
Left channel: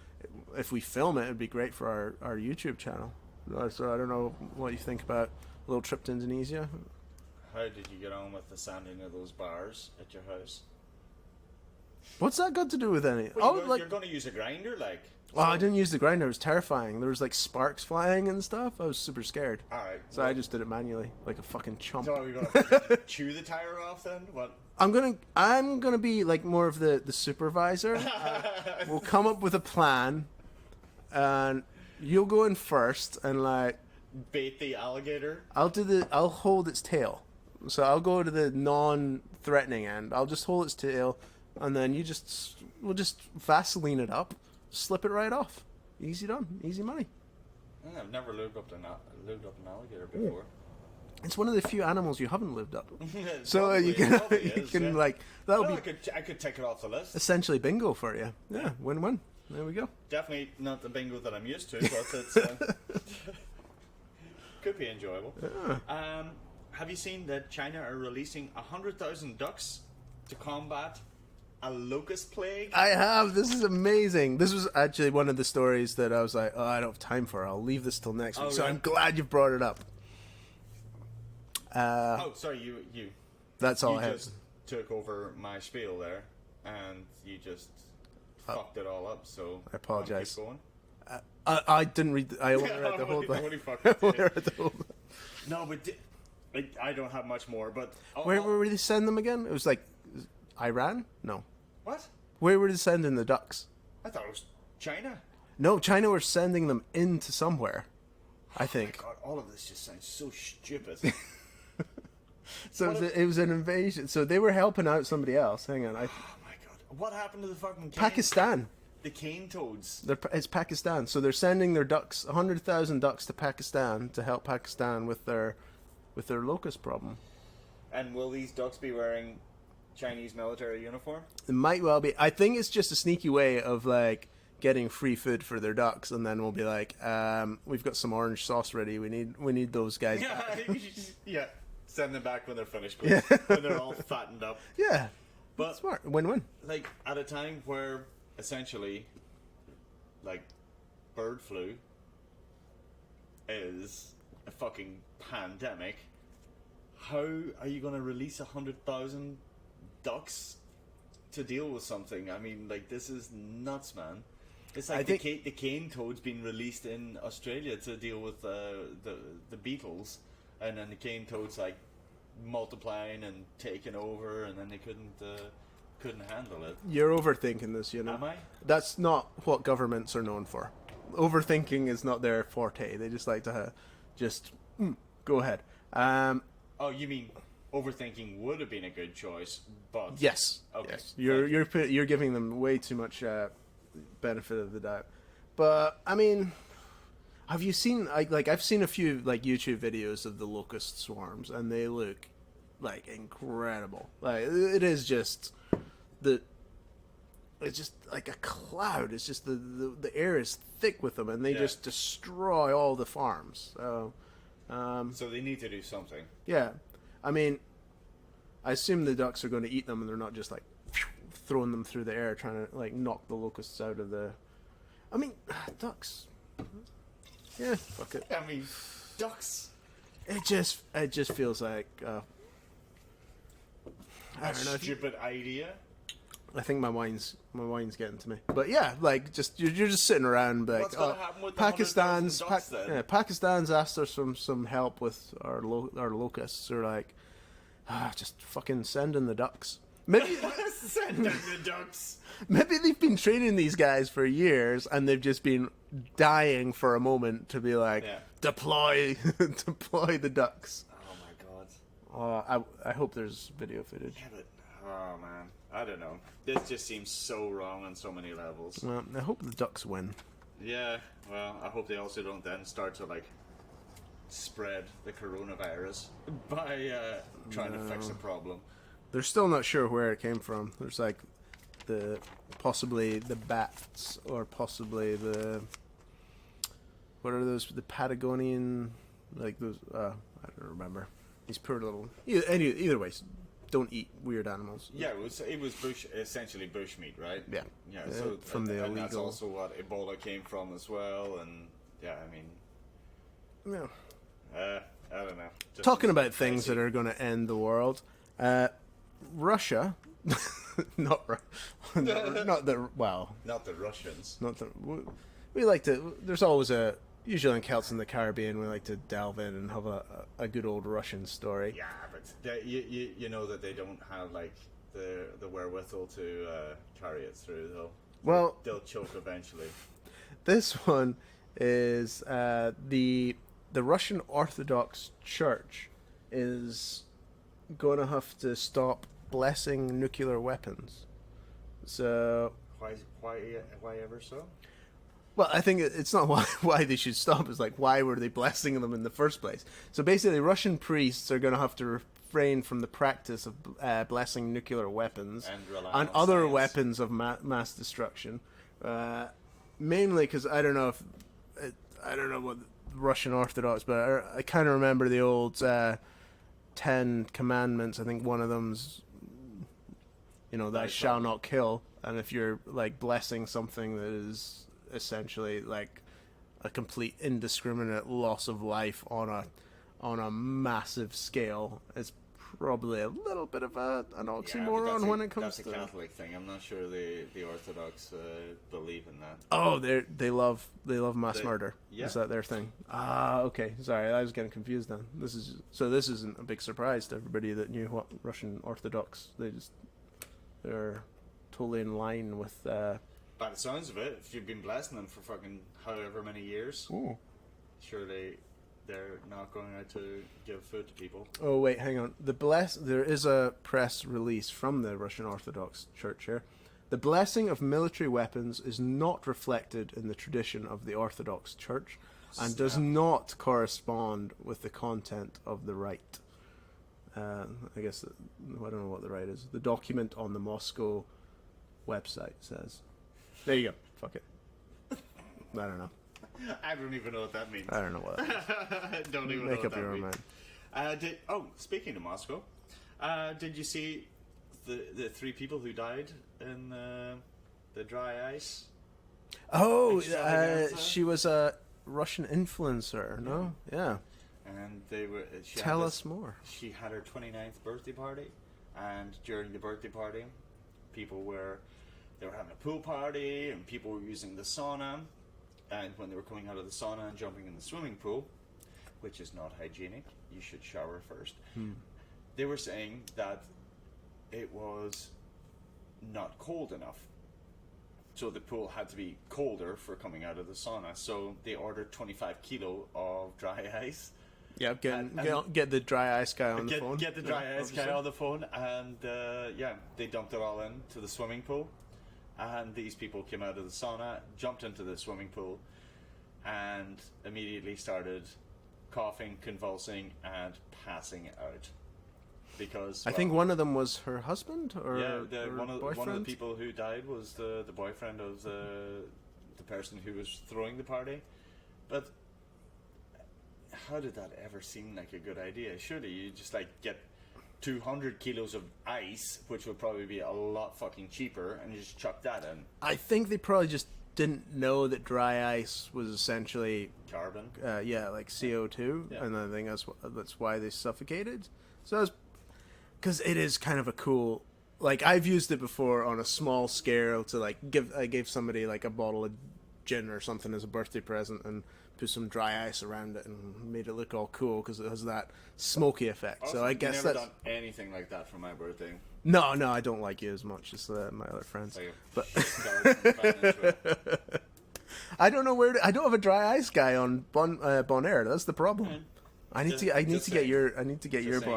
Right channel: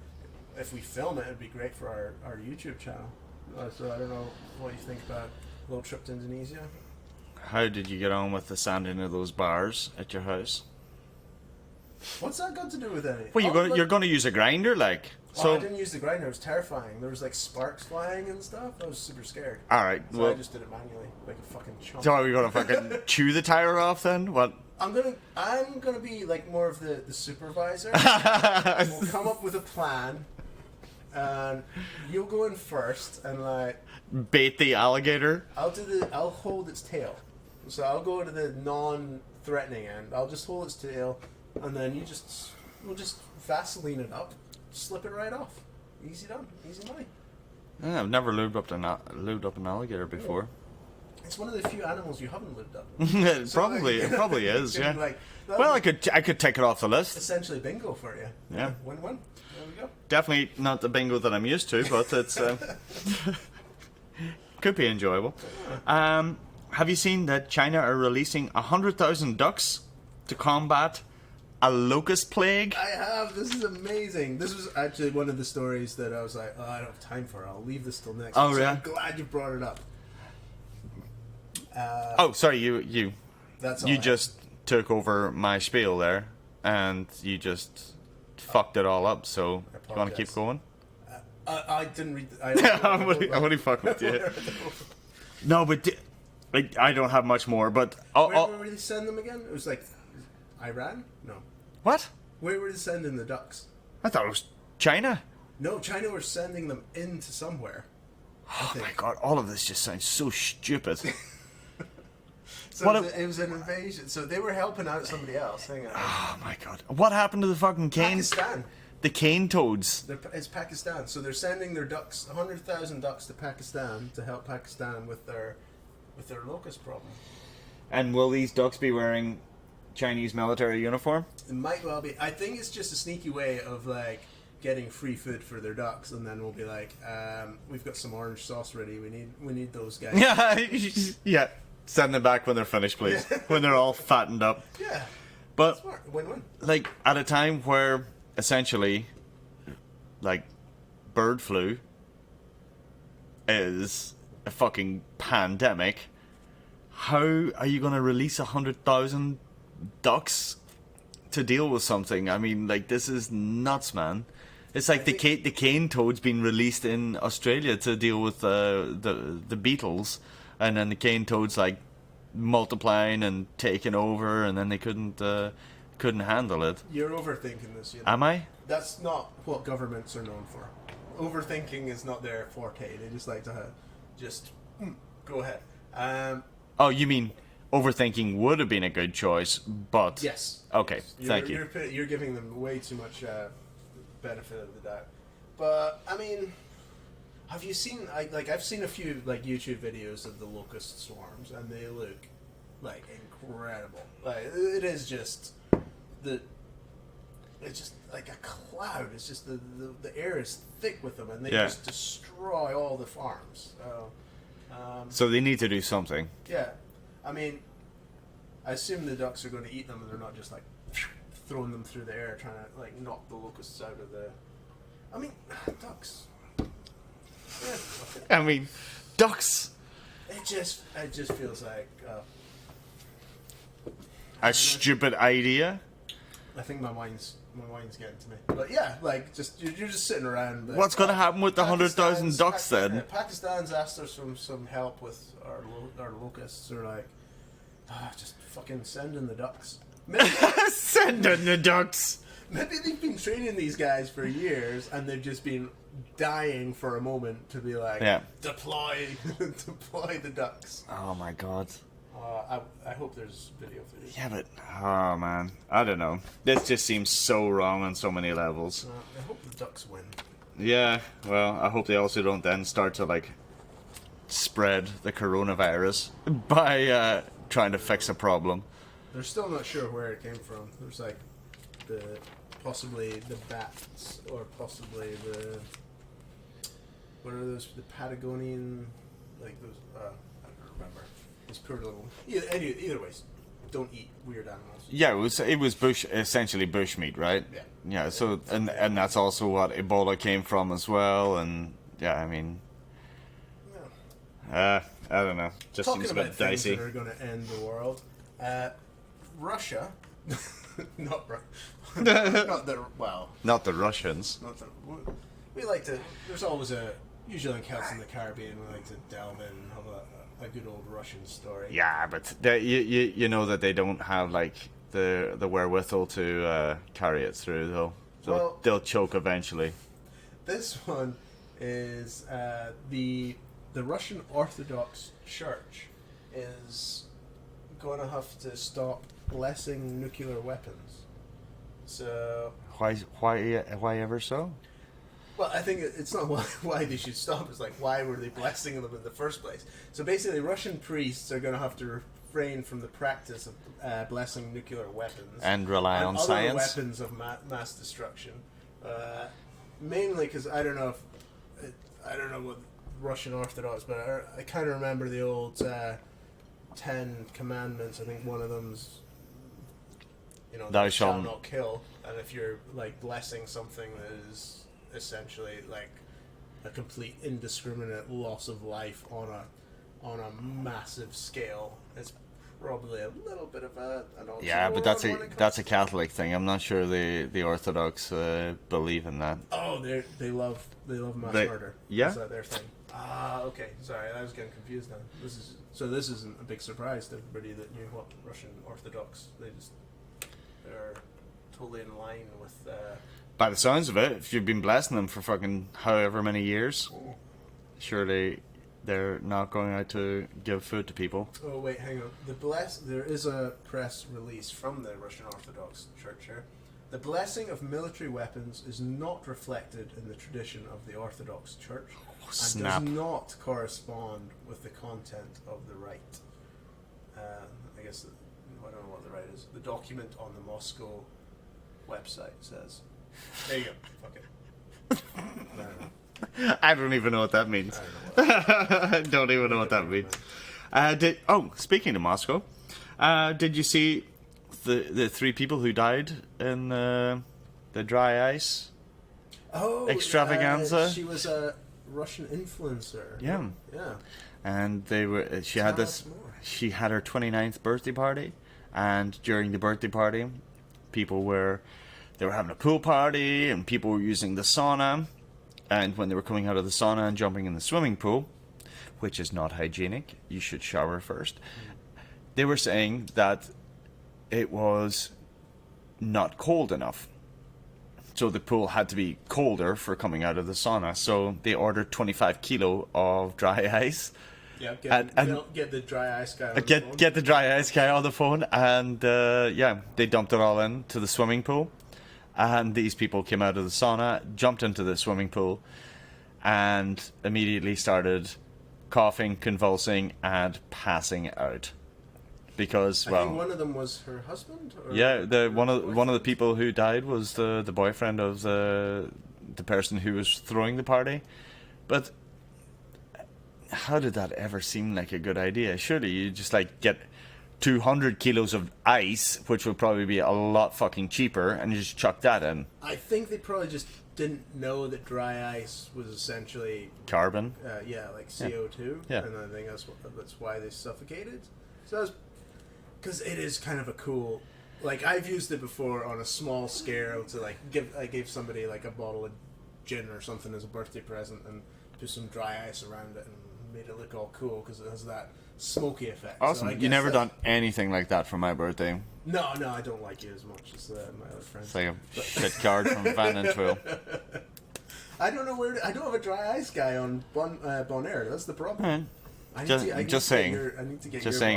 if we film it, it'd be great for our YouTube channel. So I don't know what you think about a little trip to Indonesia. How did you get on with the sanding of those bars at your house? What's that got to do with anything? Well, you're going to use a grinder, like. So I didn't use the grinder. It was terrifying. There was sparks flying and stuff. I was super scared. All right. So I just did it manually, like a fucking chump. So are we going to fucking chew the tire off then? What? I'm gonna be more of the supervisor. We'll come up with a plan, and you'll go in first and bait the alligator. I'll hold its tail. So I'll go to the non-threatening end. I'll just hold its tail, and then we'll just Vaseline it up, slip it right off. Easy done, easy money. Yeah, I've never lubed up an alligator before. It's one of the few animals you haven't lubed up. It probably is. Yeah. Well, I could take it off the list. Essentially bingo for you. Yeah. Win-win. There we go. Definitely not the bingo that I'm used to, but it's could be enjoyable. Have you seen that China are releasing 100,000 ducks to combat a locust plague? I have. This is amazing. This was actually one of the stories that I was like, I don't have time for. I'll leave this till next week. So I'm glad you brought it up. Sorry, you. That's all. You just took over my spiel there, and you just fucked it all up. So, want to keep going? I didn't read. I'm only fucking with you. No, but I don't have much more. But where were they send them again? It was Iran? No. What? Where were they sending the ducks? I thought it was China. No, China were sending them into somewhere. I think. Oh my god! All of this just sounds so stupid. So it was an invasion. So they were helping out somebody else. Hang on. Oh my god! What happened to the fucking cane? The cane toads. It's Pakistan, so they're sending their ducks, 100,000 ducks, to Pakistan to help Pakistan with their locust problem. And will these ducks be wearing Chinese military uniform? It might well be. I think it's just a sneaky way of like getting free food for their ducks, and then we'll be like, we've got some orange sauce ready. We need those guys. Yeah, yeah. Send them back when they're finished, please. When they're all fattened up. Yeah. But Smart. Win-win. like at a time where essentially, like, bird flu is a fucking pandemic. How are you going to release 100,000 ducks to deal with something? I mean, like, this is nuts, man. It's like the cane toad's been released in Australia to deal with the beetles, and then the cane toad's like multiplying and taking over, and then they couldn't handle it. You're overthinking this, you know. Am I? That's not what governments are known for. Overthinking is not their forte. They just like to go ahead. Oh, you mean overthinking would have been a good choice, but Yes. Okay, Yes. thank you. You're giving them way too much benefit of the doubt. But I mean, have you seen? I've seen a few like YouTube videos of the locust swarms, and they look like incredible. Like it is just it's just like a cloud. It's just the air is thick with them, and they just destroy all the farms. So they need to do something. Yeah, I mean, I assume the ducks are going to eat them, and they're not just like throwing them through the air, trying to like knock the locusts out of the. I mean, ducks. Yeah, fuck it. I mean, ducks. It just feels like A stupid idea. I think my wine's getting to me. But yeah, like you're just sitting around. But, What's going to happen with the 100,000 ducks then? Yeah, Pakistan's asked us for some help with our locusts. They're like, just fucking send in the ducks. Maybe, Send in the ducks. maybe they've been training these guys for years, and they've just been dying for a moment to be like, deploy the ducks. Oh my god. I hope there's video footage. Yeah, but oh man, I don't know. This just seems so wrong on so many levels. Well, I hope the ducks win. Yeah, well, I hope they also don't then start to like spread the coronavirus by trying to fix a problem. They're still not sure where it came from. There's like possibly the bats, or possibly what are those? The Patagonian, like those. I don't remember. These poor little. Either ways, don't eat weird animals. Yeah, it was essentially bushmeat, right? Yeah. Yeah. So and that's also what Ebola came from as well, and yeah, I mean. Yeah. I don't know. Just Talking about things that are going to end the world, Russia, not the Russians. We like to. There's always usually in Celts in the Caribbean, we like to delve in and have a good old Russian story. Yeah, but you know that they don't have like the wherewithal to carry it through though. So well, they'll choke eventually. This one is the Russian Orthodox Church is going to have to stop blessing nuclear weapons. So why ever so? well, I think it's not why they should stop. It's like, why were they blessing them in the first place? So basically, Russian priests are going to have to refrain from the practice of blessing nuclear weapons And rely on other science. weapons of mass destruction. Mainly because I don't know what Russian Orthodox, but I kind of remember the old 10 commandments. I think one of them's, thou shalt not kill. And if you're like blessing something that is essentially like a complete indiscriminate loss of life on a massive scale, it's probably a little bit of an oxymoron. Yeah, but that's a Catholic thing. I'm not sure the Orthodox believe in that. Oh, they love mass murder. Yeah, is that their thing? Ah, okay. Sorry, I was getting confused then. This isn't a big surprise to everybody that knew what Russian Orthodox. They're totally in line with. By the sounds of it, if you've been blessing them for fucking however many years, surely they're not going out to give food to people. Oh wait, hang on. There is a press release from the Russian Orthodox Church here. The blessing of military weapons is not reflected in the tradition of the Orthodox Church and does not correspond with the content of the rite. I guess, I don't know what the rite is. The document on the Moscow website says. There you go. Fuck it. I don't know. I don't even know what that means. I don't know what that means. I don't even know what that means. Speaking of Moscow, did you see the 3 people who died in the dry ice extravaganza? She was a Russian influencer. Yeah. No? Yeah. And they were. Tell us more. She had her 29th birthday party, and during the birthday party, they were having a pool party, and people were using the sauna. And when they were coming out of the sauna and jumping in the swimming pool, which is not hygienic, you should shower first. They were saying that it was not cold enough. So the pool had to be colder for coming out of the sauna. So they ordered 25 kilo of dry ice. Yeah, get the dry ice guy on the phone. Get the dry ice guy on the phone. And they dumped it all into the swimming pool. And these people came out of the sauna, jumped into the swimming pool, and immediately started coughing, convulsing, and passing out. Because, I think one of them was her husband. Or one of the people who died was the boyfriend of the person who was throwing the party. But how did that ever seem like a good idea? Surely you just get 200 kilos of ice, which would probably be a lot fucking cheaper, and you just chuck that in. I think they probably just didn't know that dry ice was essentially carbon. Like CO2. Yeah. And I think that's why they suffocated. So that's because it is kind of a cool. Like, I've used it before on a small scale to I gave somebody a bottle of gin or something as a birthday present and put some dry ice around it and made it look all cool because it has that smoky effect. Awesome. So You never done anything like that for my birthday. No, I don't like you as much as my other friends. It's like a shit card from Van and Twill. I don't know I don't have a dry ice guy on Bonaire. That's the problem. I need to get your saying,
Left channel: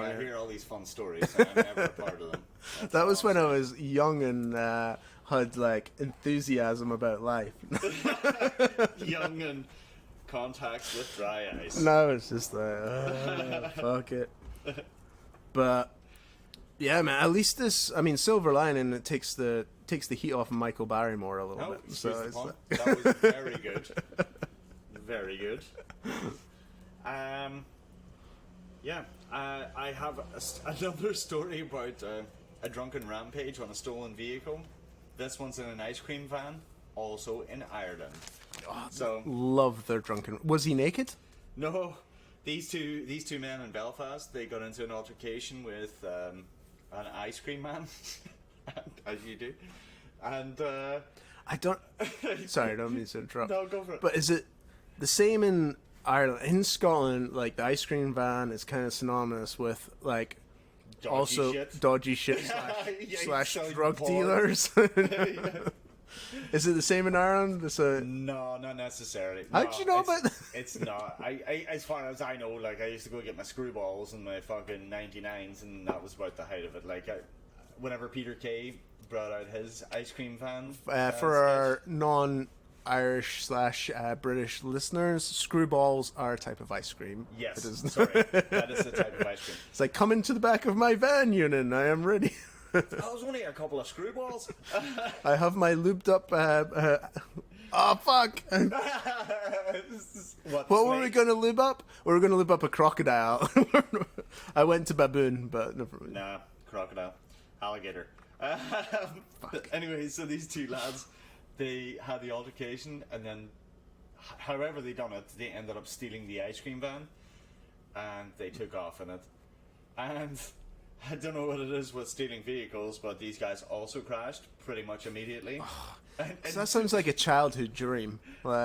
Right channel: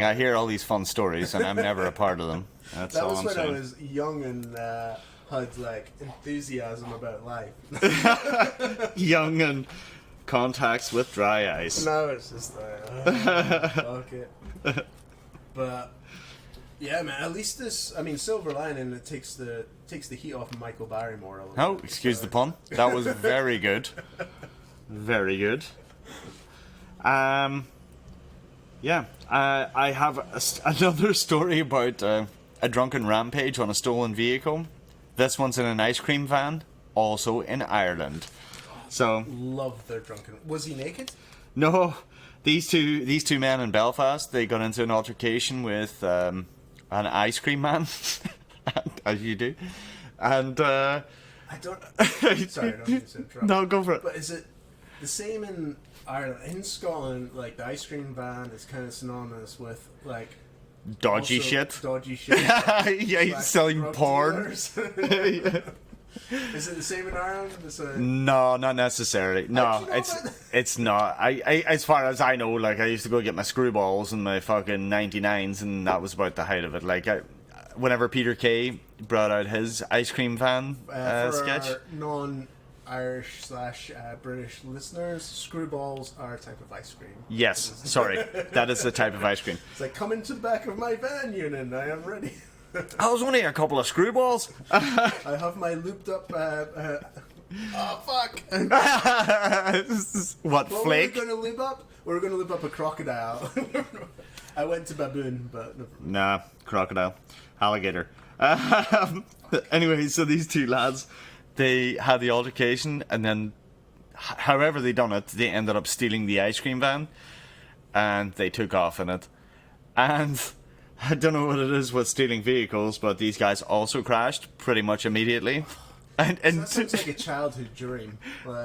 money. I hear all these fun stories and I'm never a part of them. That's that all was I'm when saying. I was young and had enthusiasm about life. Young and contacts with dry ice. No, it's just fuck it. But yeah, man. At least silver lining. It takes the heat off of Michael Barrymore a little bit. Excuse the pun. That was very good. Very good. I have another story about a drunken rampage on a stolen vehicle. This one's in an ice cream van, also in Ireland. So love their drunken. Was he naked? No, these two men in Belfast, they got into an altercation with an ice cream man, as you do, and I don't. Sorry, I don't mean to interrupt. No, go for it. But is it the same in Ireland? In Scotland, the ice cream van is kind of synonymous with dodgy shit. Dodgy shit. Yeah, selling porn. Is it the same in Ireland? No, not necessarily. No, it's not. I as far as I know, I used to go get my screwballs and my fucking 99s, and that was about the height of it. Whenever Peter Kay brought out his ice cream van for sketch. our non-Irish / British listeners, screwballs are a type of ice cream. Yes, sorry, that is the type of ice cream. It's come into the back of my van, Ewan. I am ready. I was only a couple of screwballs. I have my lubed up. Oh fuck! What flake? Were we going to lube up? We were going to lube up a crocodile. I went to baboon, but never mind. Nah, crocodile, alligator. Anyway, so these two lads, they had the altercation, and then, however they done it, they ended up stealing the ice cream van, and they took off in it, and. I don't know what it is with stealing vehicles, but these guys also crashed pretty much immediately. And that sounds like a childhood dream.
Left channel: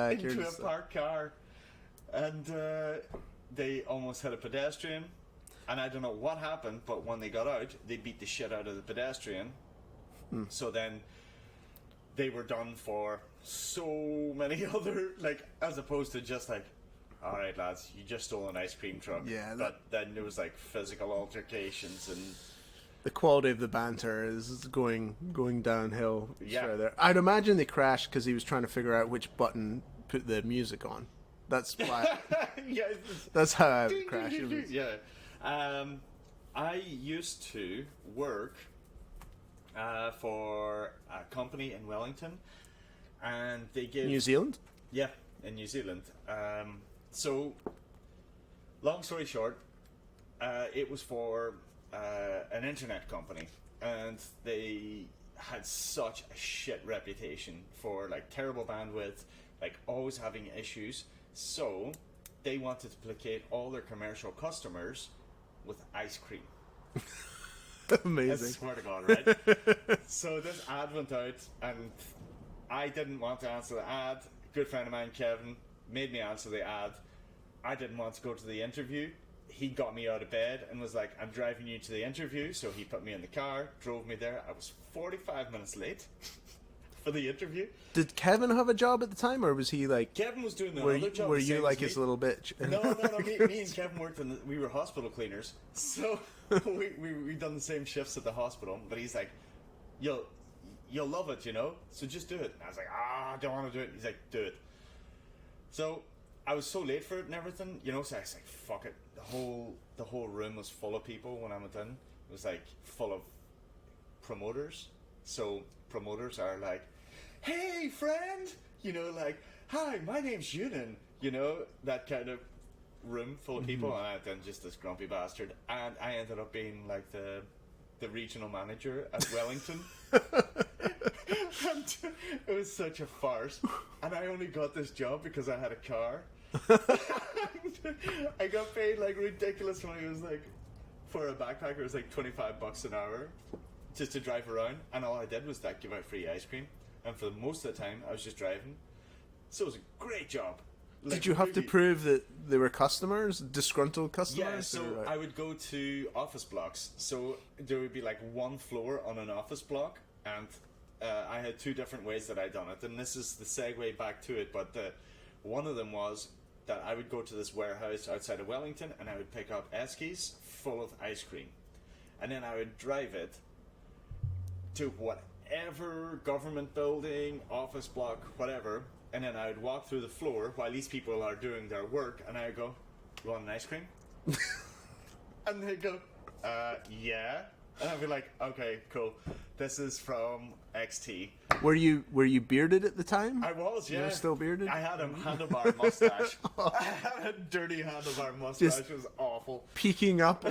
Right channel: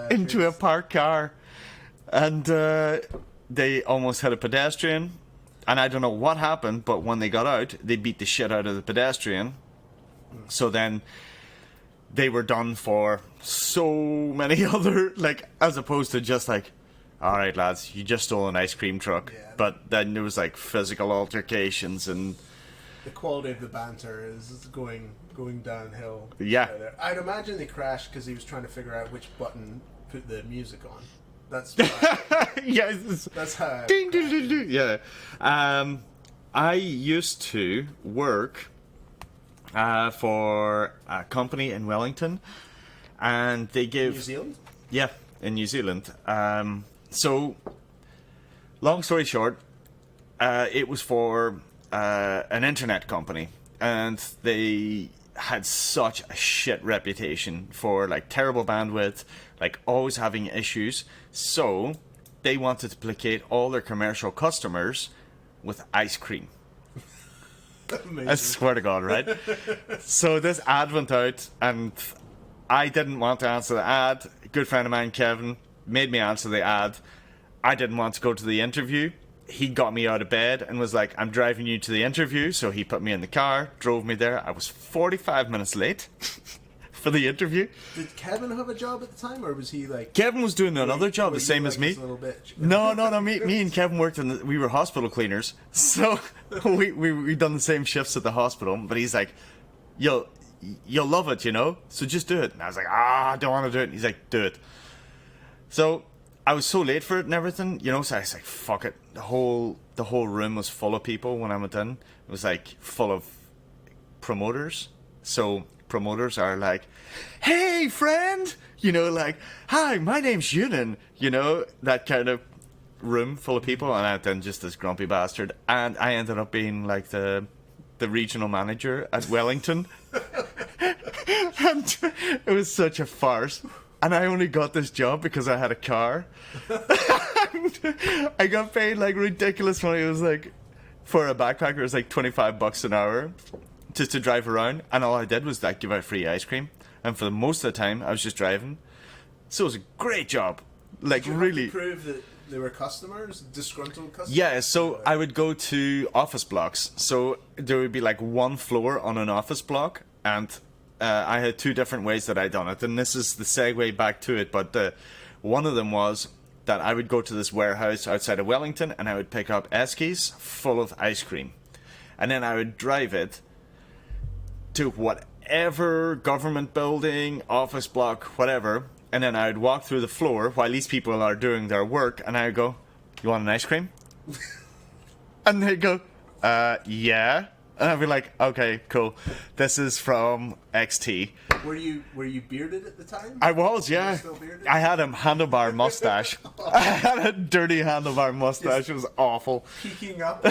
Into a parked car. And they almost hit a pedestrian. And I don't know what happened, but when they got out, they beat the shit out of the pedestrian. So then they were done for so many other, as opposed to just alright lads, you just stole an ice cream truck. Yeah. But then there was physical altercations and The quality of the banter is going downhill. Yeah. Further. I'd imagine they crashed because he was trying to figure out which button put the music on. That's why. Yes. That's how. Ding, ding, ding, ding. Yeah. I used to work for a company in Wellington, and they give New Zealand? Yeah, in New Zealand. So, long story short, it was for an internet company, and they had such a shit reputation for like terrible bandwidth, like always having issues. So they wanted to placate all their commercial customers with ice cream. Amazing. I swear to God, right? So this ad went out, and I didn't want to answer the ad. A good friend of mine, Kevin, made me answer the ad. I didn't want to go to the interview. He got me out of bed and was like, I'm driving you to the interview. So he put me in the car, drove me there. I was 45 minutes late for the interview. Did Kevin have a job at the time, or was he like... Kevin was doing another job, were the same you, as like, me. his little bitch? No. Me and Kevin worked we were hospital cleaners. So we done the same shifts at the hospital. But he's like, you'll love it, you know? So just do it. And I was like, I don't want to do it. He's like, do it. So I was so late for it and everything, you know, so I was like, fuck it. The whole room was full of people when I went in. It was like full of promoters. So promoters are like, hey friend, you know, like, hi, my name's Ewan, you know, that kind of room full of people. And I went in just this grumpy bastard, and I ended up being like the regional manager at Wellington. And it was such a farce. And I only got this job because I had a car. And I got paid like ridiculous money. It was like, for a backpacker, it was like $25 an hour just to drive around. And all I did was like give out free ice cream. And for most of the time, I was just driving. So it was a great job. Like, Did you really. have to prove that they were customers, disgruntled customers? Yeah, so I would go to office blocks. So there would be like one floor on an office block, and I had two different ways that I done it. And this is the segue back to it, but one of them was that I would go to this warehouse outside of Wellington, and I would pick up eskies full of ice cream. And then I would drive it to whatever government building, office block, whatever, and then I would walk through the floor while these people are doing their work, and I would go, you want an ice cream? And they'd go, yeah. And I'd be like, okay, cool. This is from XT. Were you bearded at the time? I was, yeah. Were you still bearded? I had a handlebar mustache. I had a dirty handlebar mustache. It was awful. Peeking up.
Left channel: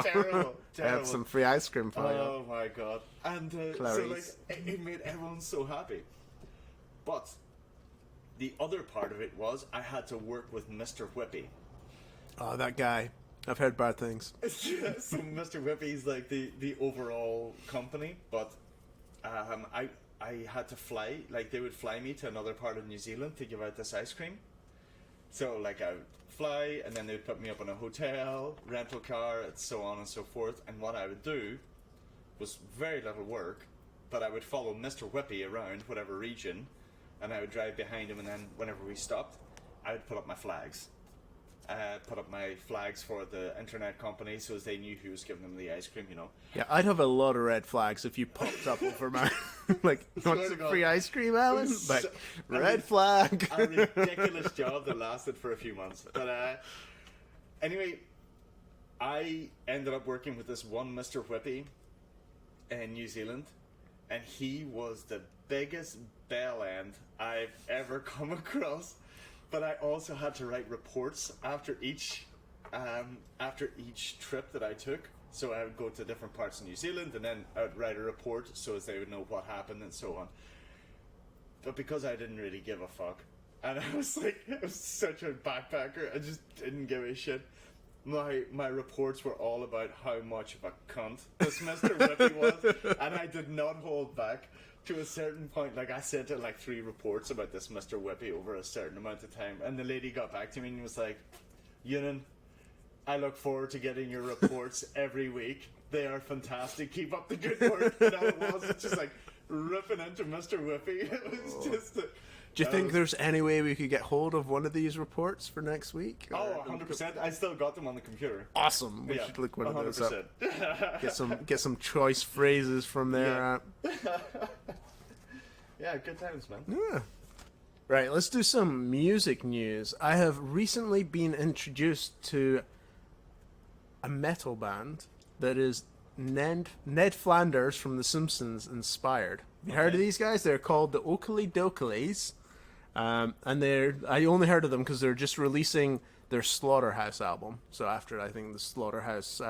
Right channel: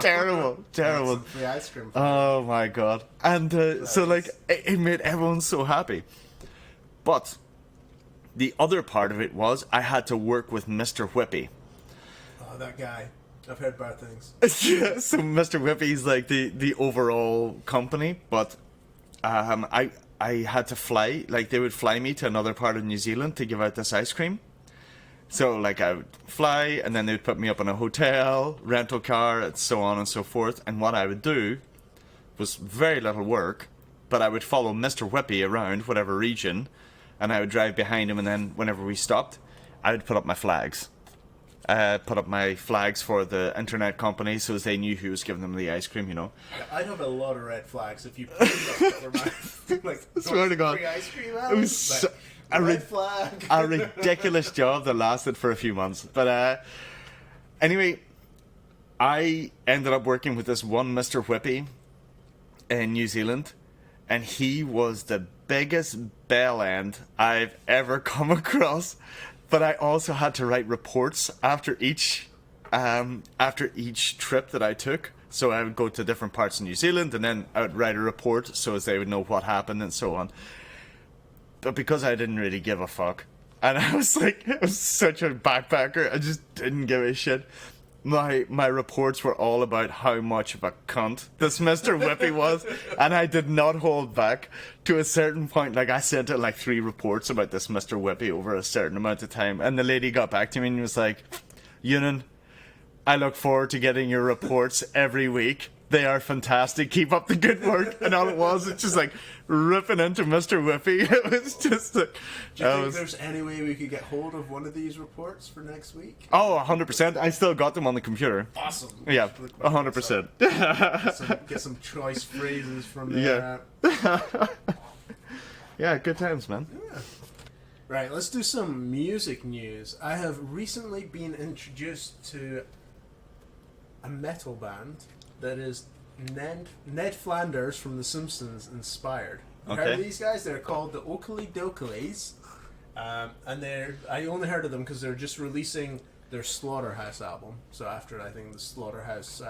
Terrible, terrible. Some free ice cream. Oh my god. And so like it made everyone so happy. But the other part of it was I had to work with Mr. Whippy. Oh, that guy. I've heard bad things. Yeah, so Mr. Whippy's like the overall company, but I had to fly, like they would fly me to another part of New Zealand to give out this ice cream. So like I would fly, and then they would put me up in a hotel, rental car, and so on and so forth. And what I would do was very little work, but I would follow Mr. Whippy around whatever region, and I would drive behind him, and then whenever we stopped, I would put up my flags. Put up my flags for the internet company so as they knew who was giving them the ice cream, you know. Yeah, I'd have a lot of red flags if you put them up for my like Swear to God. free ice cream. It was Like, so- a red rid- flag. A ridiculous job that lasted for a few months. But anyway, I ended up working with this one Mr. Whippy in New Zealand, and he was the biggest bell end I've ever come across. But I also had to write reports after each trip that I took. So I would go to different parts of New Zealand, and then I would write a report so as they would know what happened and so on. But because I didn't really give a fuck, and I was such a backpacker, I just didn't give a shit. My reports were all about how much of a cunt this Mr. Whippy was, and I did not hold back. To a certain point, like I sent out like 3 reports about this Mr. Whippy over a certain amount of time, and the lady got back to me and was like, Ewan, I look forward to getting your reports every week. They are fantastic. Keep up the good work. And all it was, it's just like ripping into Mr. Whippy. It was just like... Do you think there's any way we could get hold of one of these reports for next week? Oh, 100%. I still got them on the computer. Awesome. Yeah, Really quick, 100%. Get some choice phrases from there. Yeah. Yeah, good times, man. Yeah. Right, let's do some music news. I have recently been introduced to a metal band that is Ned Flanders from The Simpsons inspired. You heard of these guys? They're called the Oakley Doklys. And I only heard of them because they're just releasing their Slaughterhouse album. So after, I think, the Slaughterhouse...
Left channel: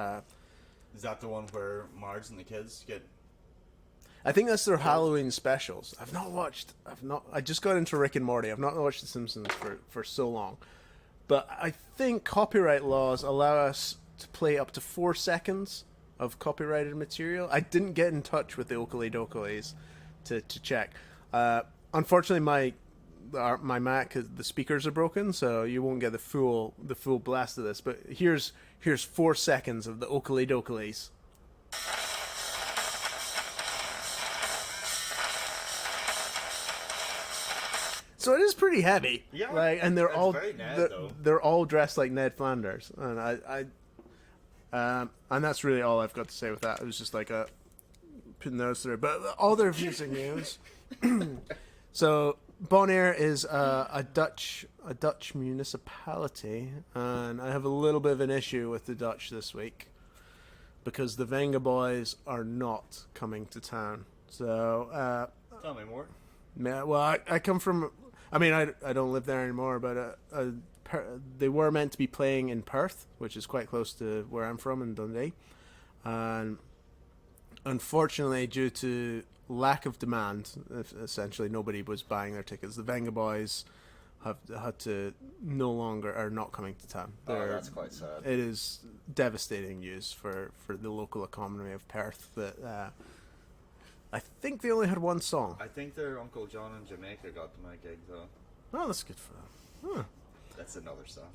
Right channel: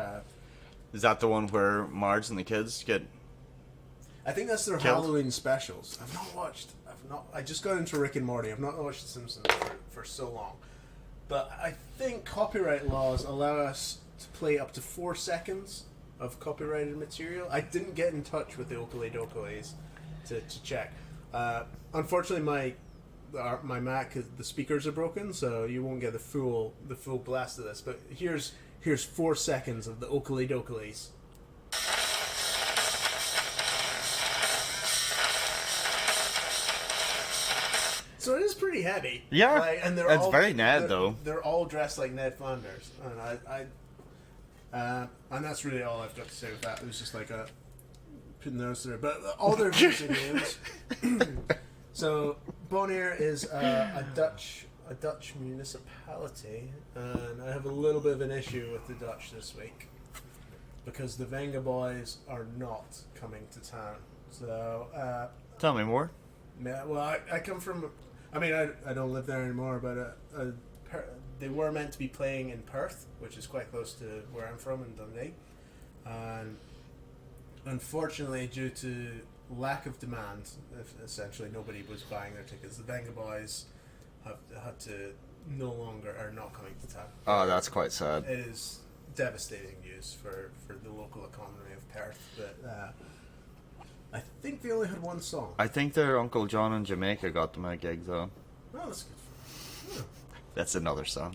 Is that the one where Marge and the kids get... I think that's their killed? Halloween specials. I just got into Rick and Morty. I've not watched The Simpsons for so long. But I think copyright laws allow us to play up to 4 seconds of copyrighted material. I didn't get in touch with the Oakley Doklys to check. Unfortunately, my Mac, the speakers are broken, so you won't get the full blast of this. But here's 4 seconds of the Oakley Doklys. So it is pretty heavy. Yeah, and they're it's all very Ned, though. They're all dressed like Ned Flanders, and and that's really all I've got to say with that. It was just like putting those through, but all their music news. So Bonaire is a Dutch municipality, and I have a little bit of an issue with the Dutch this week because the Venga Boys are not coming to town. So Tell me more. well, I come from. I mean, I don't live there anymore, but they were meant to be playing in Perth, which is quite close to where I'm from in Dundee. And unfortunately, due to lack of demand, essentially nobody was buying their tickets. The Venga Boys have had to are not coming to town. Oh, that's quite sad. It is devastating news for the local economy of Perth, but I think they only had one song. I think their Uncle John in Jamaica got them a gig, though. Oh, that's good for them. Huh. That's another song.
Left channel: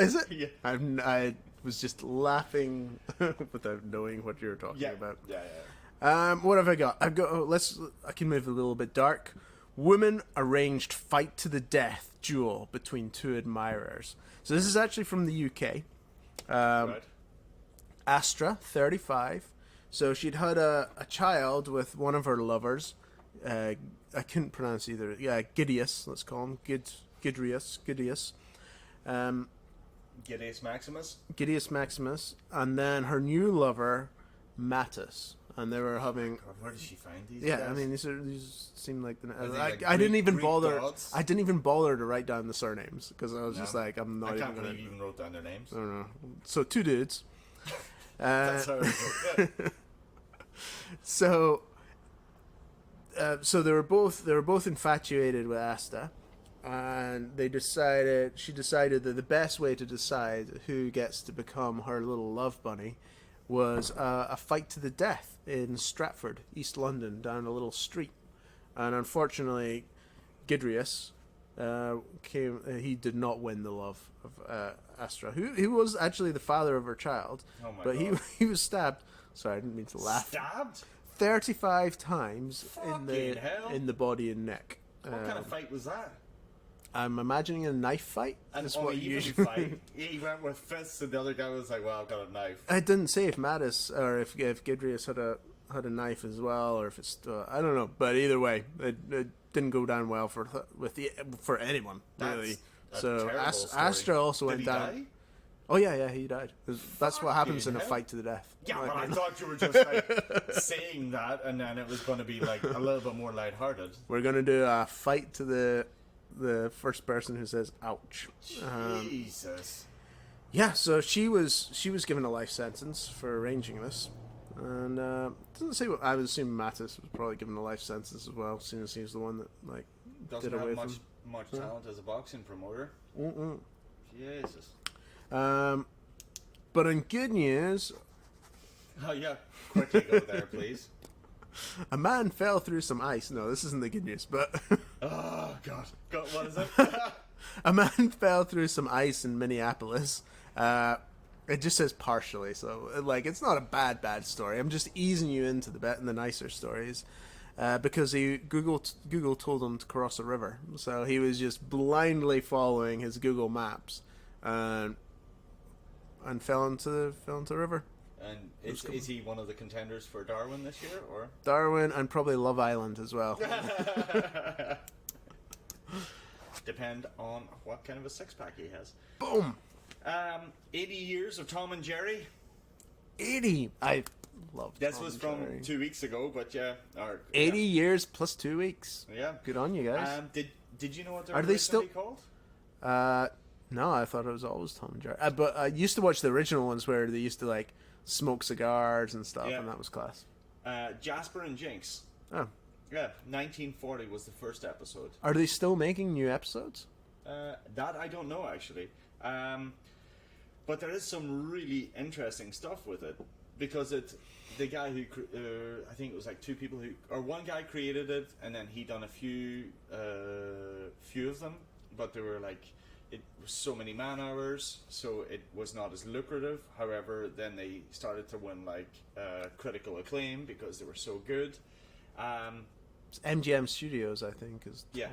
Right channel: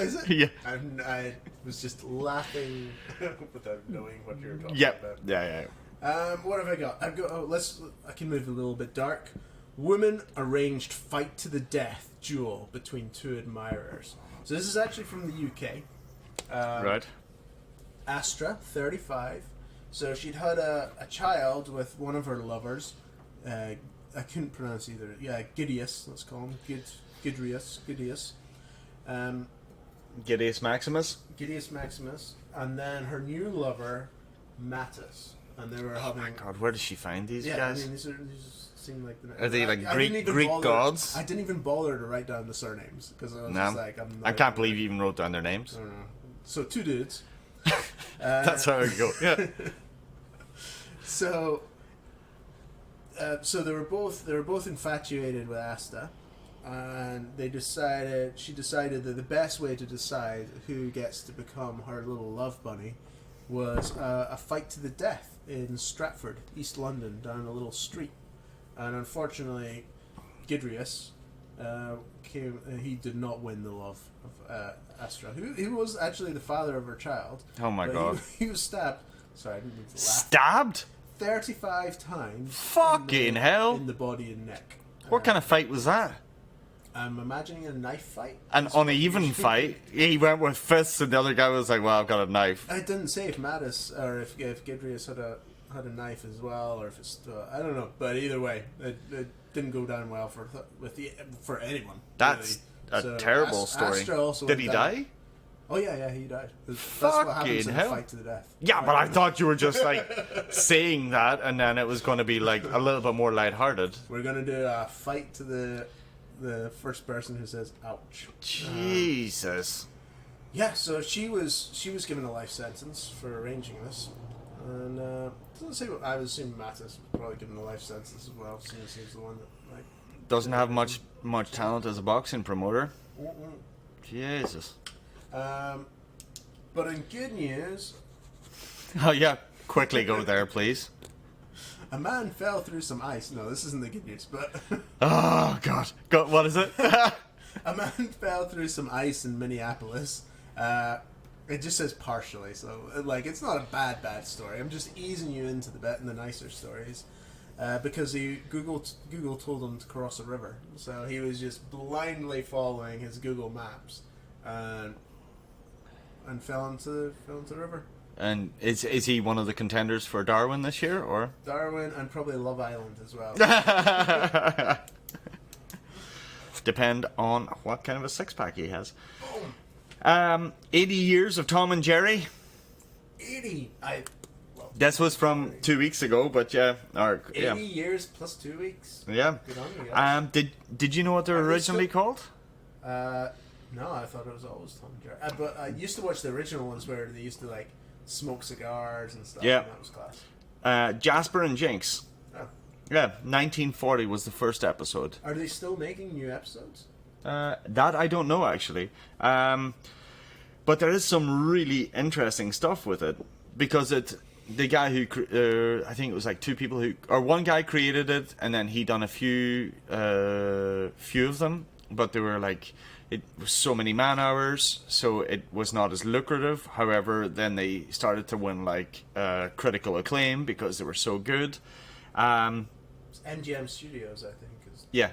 Is it? Yeah. I was just laughing without knowing what you were talking about. Yeah. What have I got? I can move a little bit dark. Woman arranged fight to the death duel between two admirers. So this is actually from the UK. Right. Astra, 35. So she'd had a child with one of her lovers. I couldn't pronounce either. Yeah, Gideus, let's call him. Gideus. Gideus Maximus. Gideus Maximus. And then her new lover, Mattis. And they were having... God, where did she find these guys? Yeah, I mean, these seem like... Are they like Greek gods? I didn't even bother to write down the surnames. Because I was just like... I can't believe you even wrote down their names. I don't know. So, two dudes. That's how it goes. Yeah. So they were both infatuated with Asta, and she decided that the best way to decide who gets to become her little love bunny was a fight to the death in Stratford, East London, down a little street. And unfortunately, Gidrius came. He did not win the love of Astra, who was actually the father of her child. Oh my God! He was stabbed. Sorry, I didn't mean to laugh. Stabbed? 35 times. Fucking hell! In the body and neck. What kind of fight was that? I'm imagining a knife fight. An uneven fight. He went with fists, and the other guy was like, "Well, I've got a knife." I didn't say if Mattis or if Gidrius had a knife as well, or if it's I don't know. But either way, it didn't go down well for anyone. That's really. a terrible story. Astra also Did he die? Oh yeah, he died. That's what happens in a fight to the death. Yeah, but I thought you were just like saying that, and then it was going to be like a little bit more lighthearted. We're gonna do a fight to the first person who says "ouch." Jesus. Yeah, so she was given a life sentence for arranging this, and doesn't say what I would assume Mattis was probably given a life sentence as well, seeing as he's the one that like doesn't have much talent as a boxing promoter. Mm-mm. Jesus. But in good news, oh yeah, quickly go there, please. A man fell through some ice. No, this isn't the good news, but oh God, what is it? A man fell through some ice in Minneapolis. It just says partially, so like it's not a bad story. I'm just easing you into the nicer stories, because Google told him to cross a river, so he was just blindly following his Google Maps, and fell into the river. And is he one of the contenders for Darwin this year, or Darwin and probably Love Island as well? Depend on what kind of a six-pack he has. Boom. 80 years of Tom and Jerry. 80. I love. This was from 2 weeks ago, but yeah, 80 years plus 2 weeks. Yeah. Good on you guys. Did you know what they were originally called? No, I thought it was always Tom and Jerry. But I used to watch the original ones where they used to like smoke cigars and stuff. Yeah. And that was class. Jasper and Jinx. Oh. Yeah, 1940 was the first episode. Are they still making new episodes? That I don't know, actually. But there is some really interesting stuff with it, because the guy who I think it was like two people or one guy created it, and then he done a few of them, but they were like, it was so many man hours, so it was not as lucrative. However, then they started to win like critical acclaim because they were so good. It's MGM Studios, I think. Yeah.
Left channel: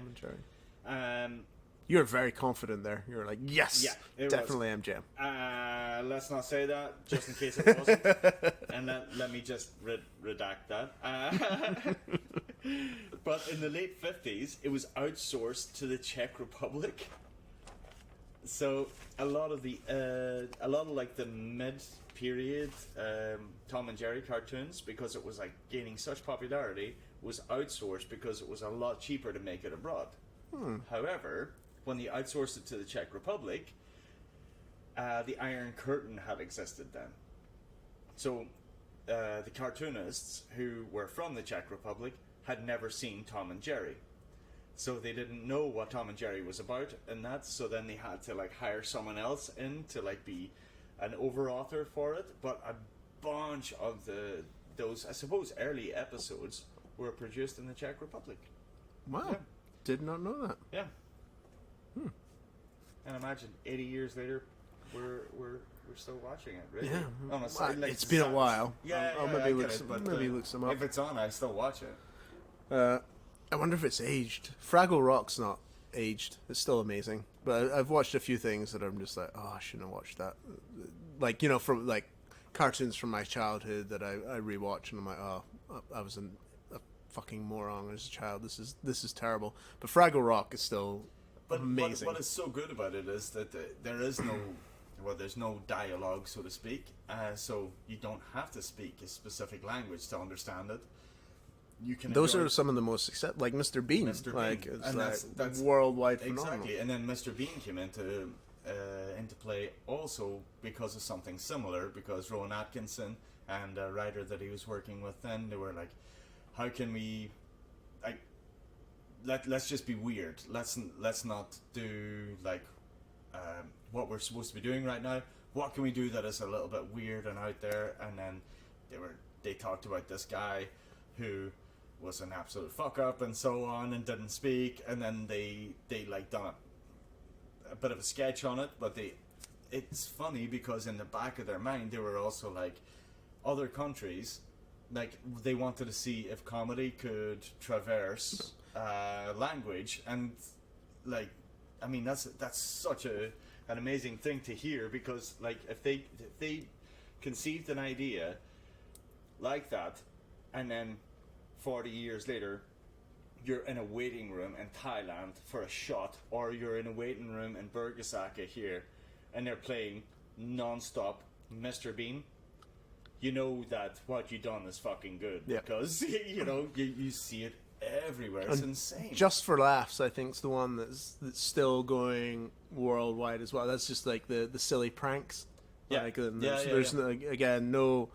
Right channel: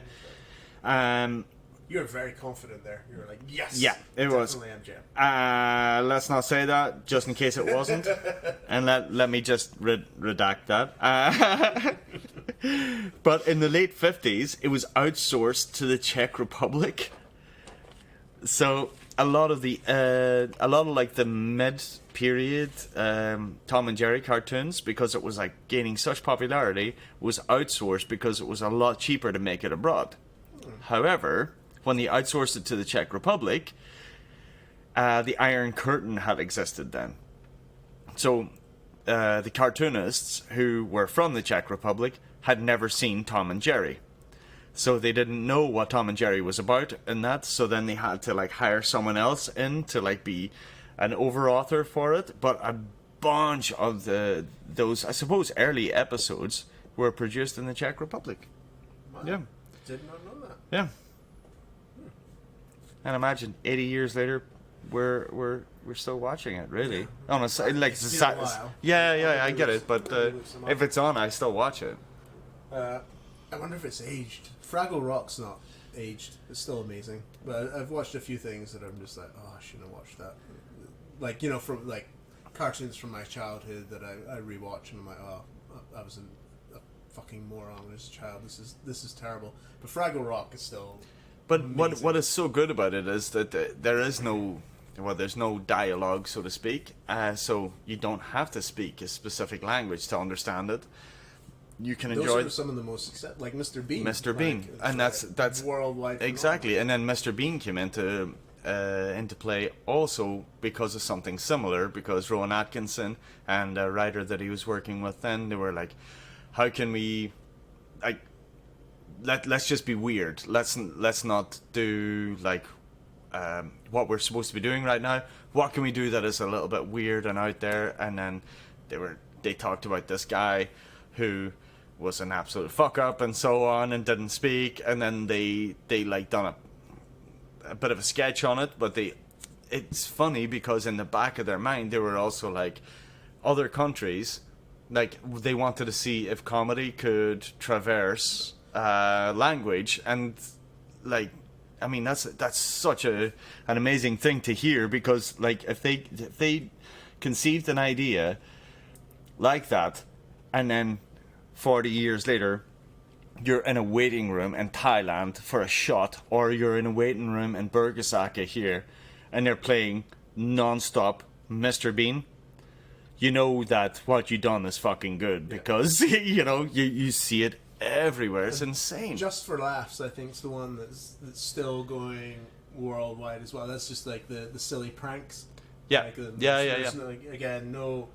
You were very confident there. You were like, yes, yeah, it definitely was MGM. Let's not say that, just in case it wasn't. And let me just redact that. But in the late 50s, it was outsourced to the Czech Republic. So a lot of like the mid-period Tom and Jerry cartoons, because it was like gaining such popularity, was outsourced because it was a lot cheaper to make it abroad. However, when they outsourced it to the Czech Republic, the Iron Curtain had existed then. So the cartoonists who were from the Czech Republic had never seen Tom and Jerry. So they didn't know what Tom and Jerry was about in that, so then they had to like hire someone else in to like be an over-author for it. But a bunch of those, I suppose, early episodes were produced in the Czech Republic. Wow. Yeah. Did not know that. Yeah. And imagine 80 years later, we're still watching it. Really, Yeah. honestly, like it's been a while. Yeah, I get it. But some if it's on, I still watch it. I wonder if it's aged. Fraggle Rock's not aged. It's still amazing. But I've watched a few things that I'm just like, oh, I shouldn't have watched that. Like, you know, from like cartoons from my childhood that I rewatch, and I'm like, oh, I was a fucking moron as a child. This is terrible. But Fraggle Rock is still. But amazing. what is so good about it is that there's no dialogue, so to speak. So you don't have to speak a specific language to understand it. You can Those enjoy are some of the most like Mr. Bean. Mr. Bean, like, and that's worldwide. exactly. And then Mr. Bean came into play also because of something similar, because Rowan Atkinson and a writer that he was working with then, they were like, how can we like let's just be weird. Let's not do like what we're supposed to be doing right now. What can we do that is a little bit weird and out there? And then they talked about this guy who was an absolute fuck up and so on and didn't speak, and then they like done a bit of a sketch on it, but it's funny because in the back of their mind they were also like, other countries, like they wanted to see if comedy could traverse language, and like, I mean, that's such an amazing thing to hear, because like if they conceived an idea like that, and then 40 years later you're in a waiting room in Thailand for a shot, or you're in a waiting room in Bergasaka here, and they're playing non-stop Mr. Bean, you know that what you done is fucking good, because you know you see it everywhere. It's insane. Just for Laughs, I think, is the one that's still going worldwide as well. That's just like the silly pranks. Yeah, like, yeah. No, again, no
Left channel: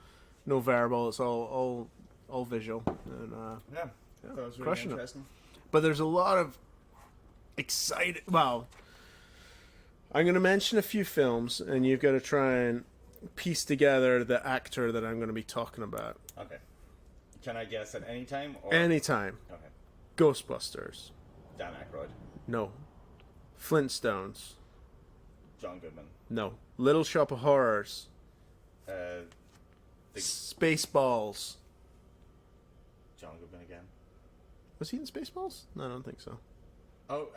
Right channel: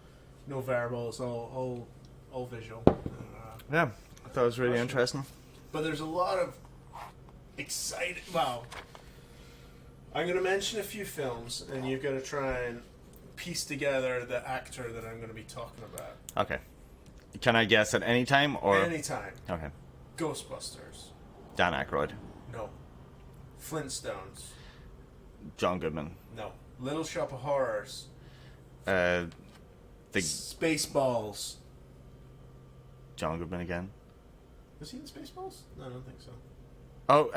verbal. It's all visual. And, Yeah, that was really crushing interesting. but there's a lot of exciting. Well, I'm going to mention a few films, and you've got to try and piece together the actor that I'm going to be talking about. Okay. Can I guess at any time, or Anytime. Okay. Ghostbusters. Dan Aykroyd, No. Flintstones. John Goodman, No. Little Shop of Horrors. The Spaceballs. John Goodman again. Was he in Spaceballs? No, I don't think so. Oh,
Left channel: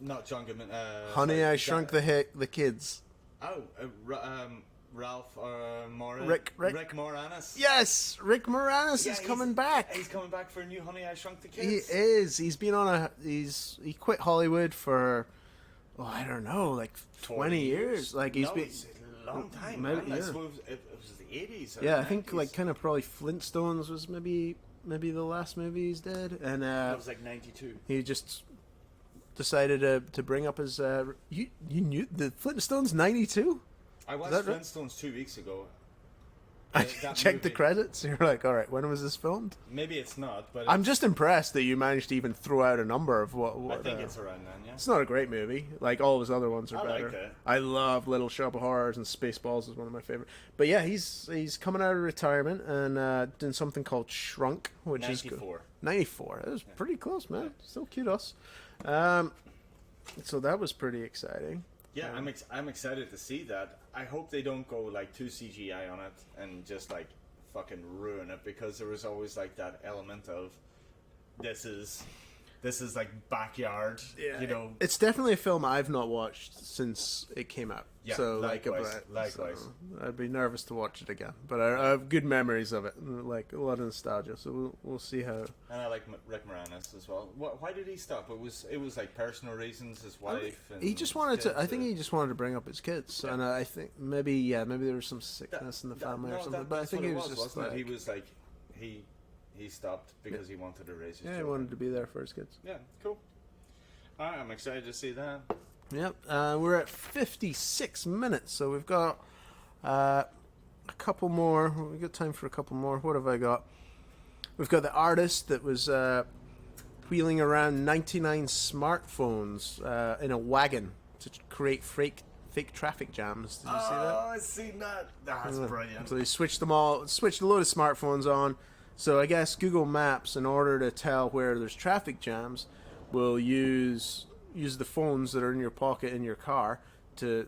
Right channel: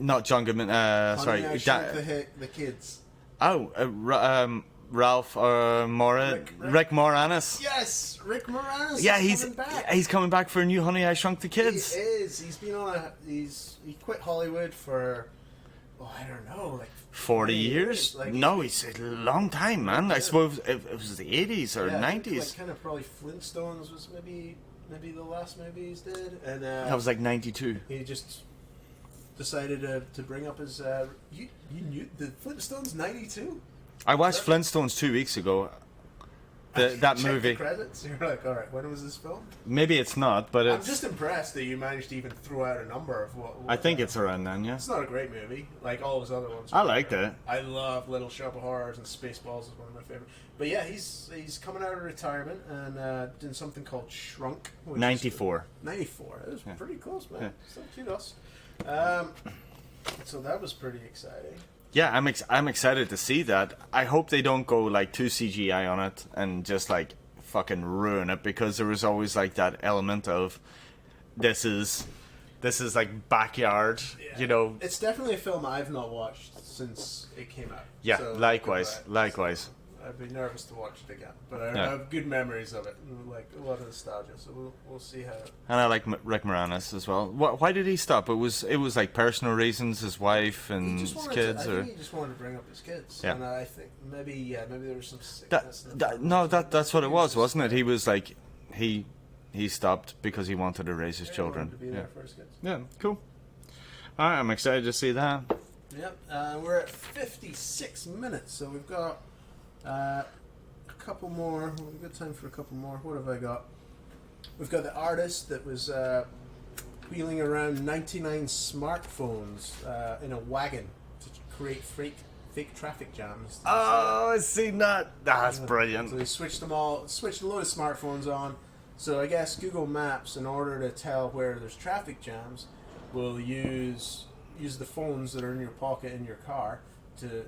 not John Goodman. Honey, Sorry, I Shrunk the Kids. Oh, Ralph Rick Moranis. Yes, Rick Moranis is coming back. He's coming back for a new Honey, I Shrunk the Kids. He is. He's been on he quit Hollywood for, I don't know, like 40 years. Like it's a long time, man. I suppose it was the 80s or 90s. I think like kind of probably Flintstones was maybe the last movie he's did, and that was like 92. He just decided to bring up his. You knew the Flintstones 92. I watched Flintstones 2 weeks ago. That checked movie. The credits. You're like, all right, when was this filmed? Maybe it's not, but I'm just impressed that you managed to even throw out a number of what I think it's around then. Yeah, it's not a great movie. Like all his other ones. I liked it. I love Little Shop of Horrors, and Spaceballs is one of my favorite. But yeah, he's coming out of retirement and doing something called Shrunk. 94. 94. It was pretty close, man. Yeah. Still kudos. So that was pretty exciting. Yeah, I'm excited to see that. I hope they don't go like too CGI on it and just like fucking ruin it, because there was always like that element of this is like backyard, Yeah. you know. It's definitely a film I've not watched since it came out. Yeah, So, likewise. So I'd be nervous to watch it again, but I have good memories of it, like a lot of nostalgia. So we'll see how. And I like Rick Moranis as well. Why did he stop? It was like personal reasons, his wife and He just wanted his to. kids. I think he just wanted to bring up his kids, Yeah. and I think maybe there was some sickness in the family. That's what it was, wasn't it? He He was like he stopped because he wanted to raise his children. wanted to be there for his kids. Yeah, cool. All right, I'm excited to see that. Yep, we're at 56 minutes, so we've got a couple more. We've got time for a couple more. What have I got? We've got the artist that was wheeling around 99 smartphones in a wagon to create fake traffic jams. Oh, I've seen that. That's brilliant. So they switched a load of smartphones on. So I guess Google Maps, in order to tell where there's traffic jams, will use the phones that are in your pocket in your car to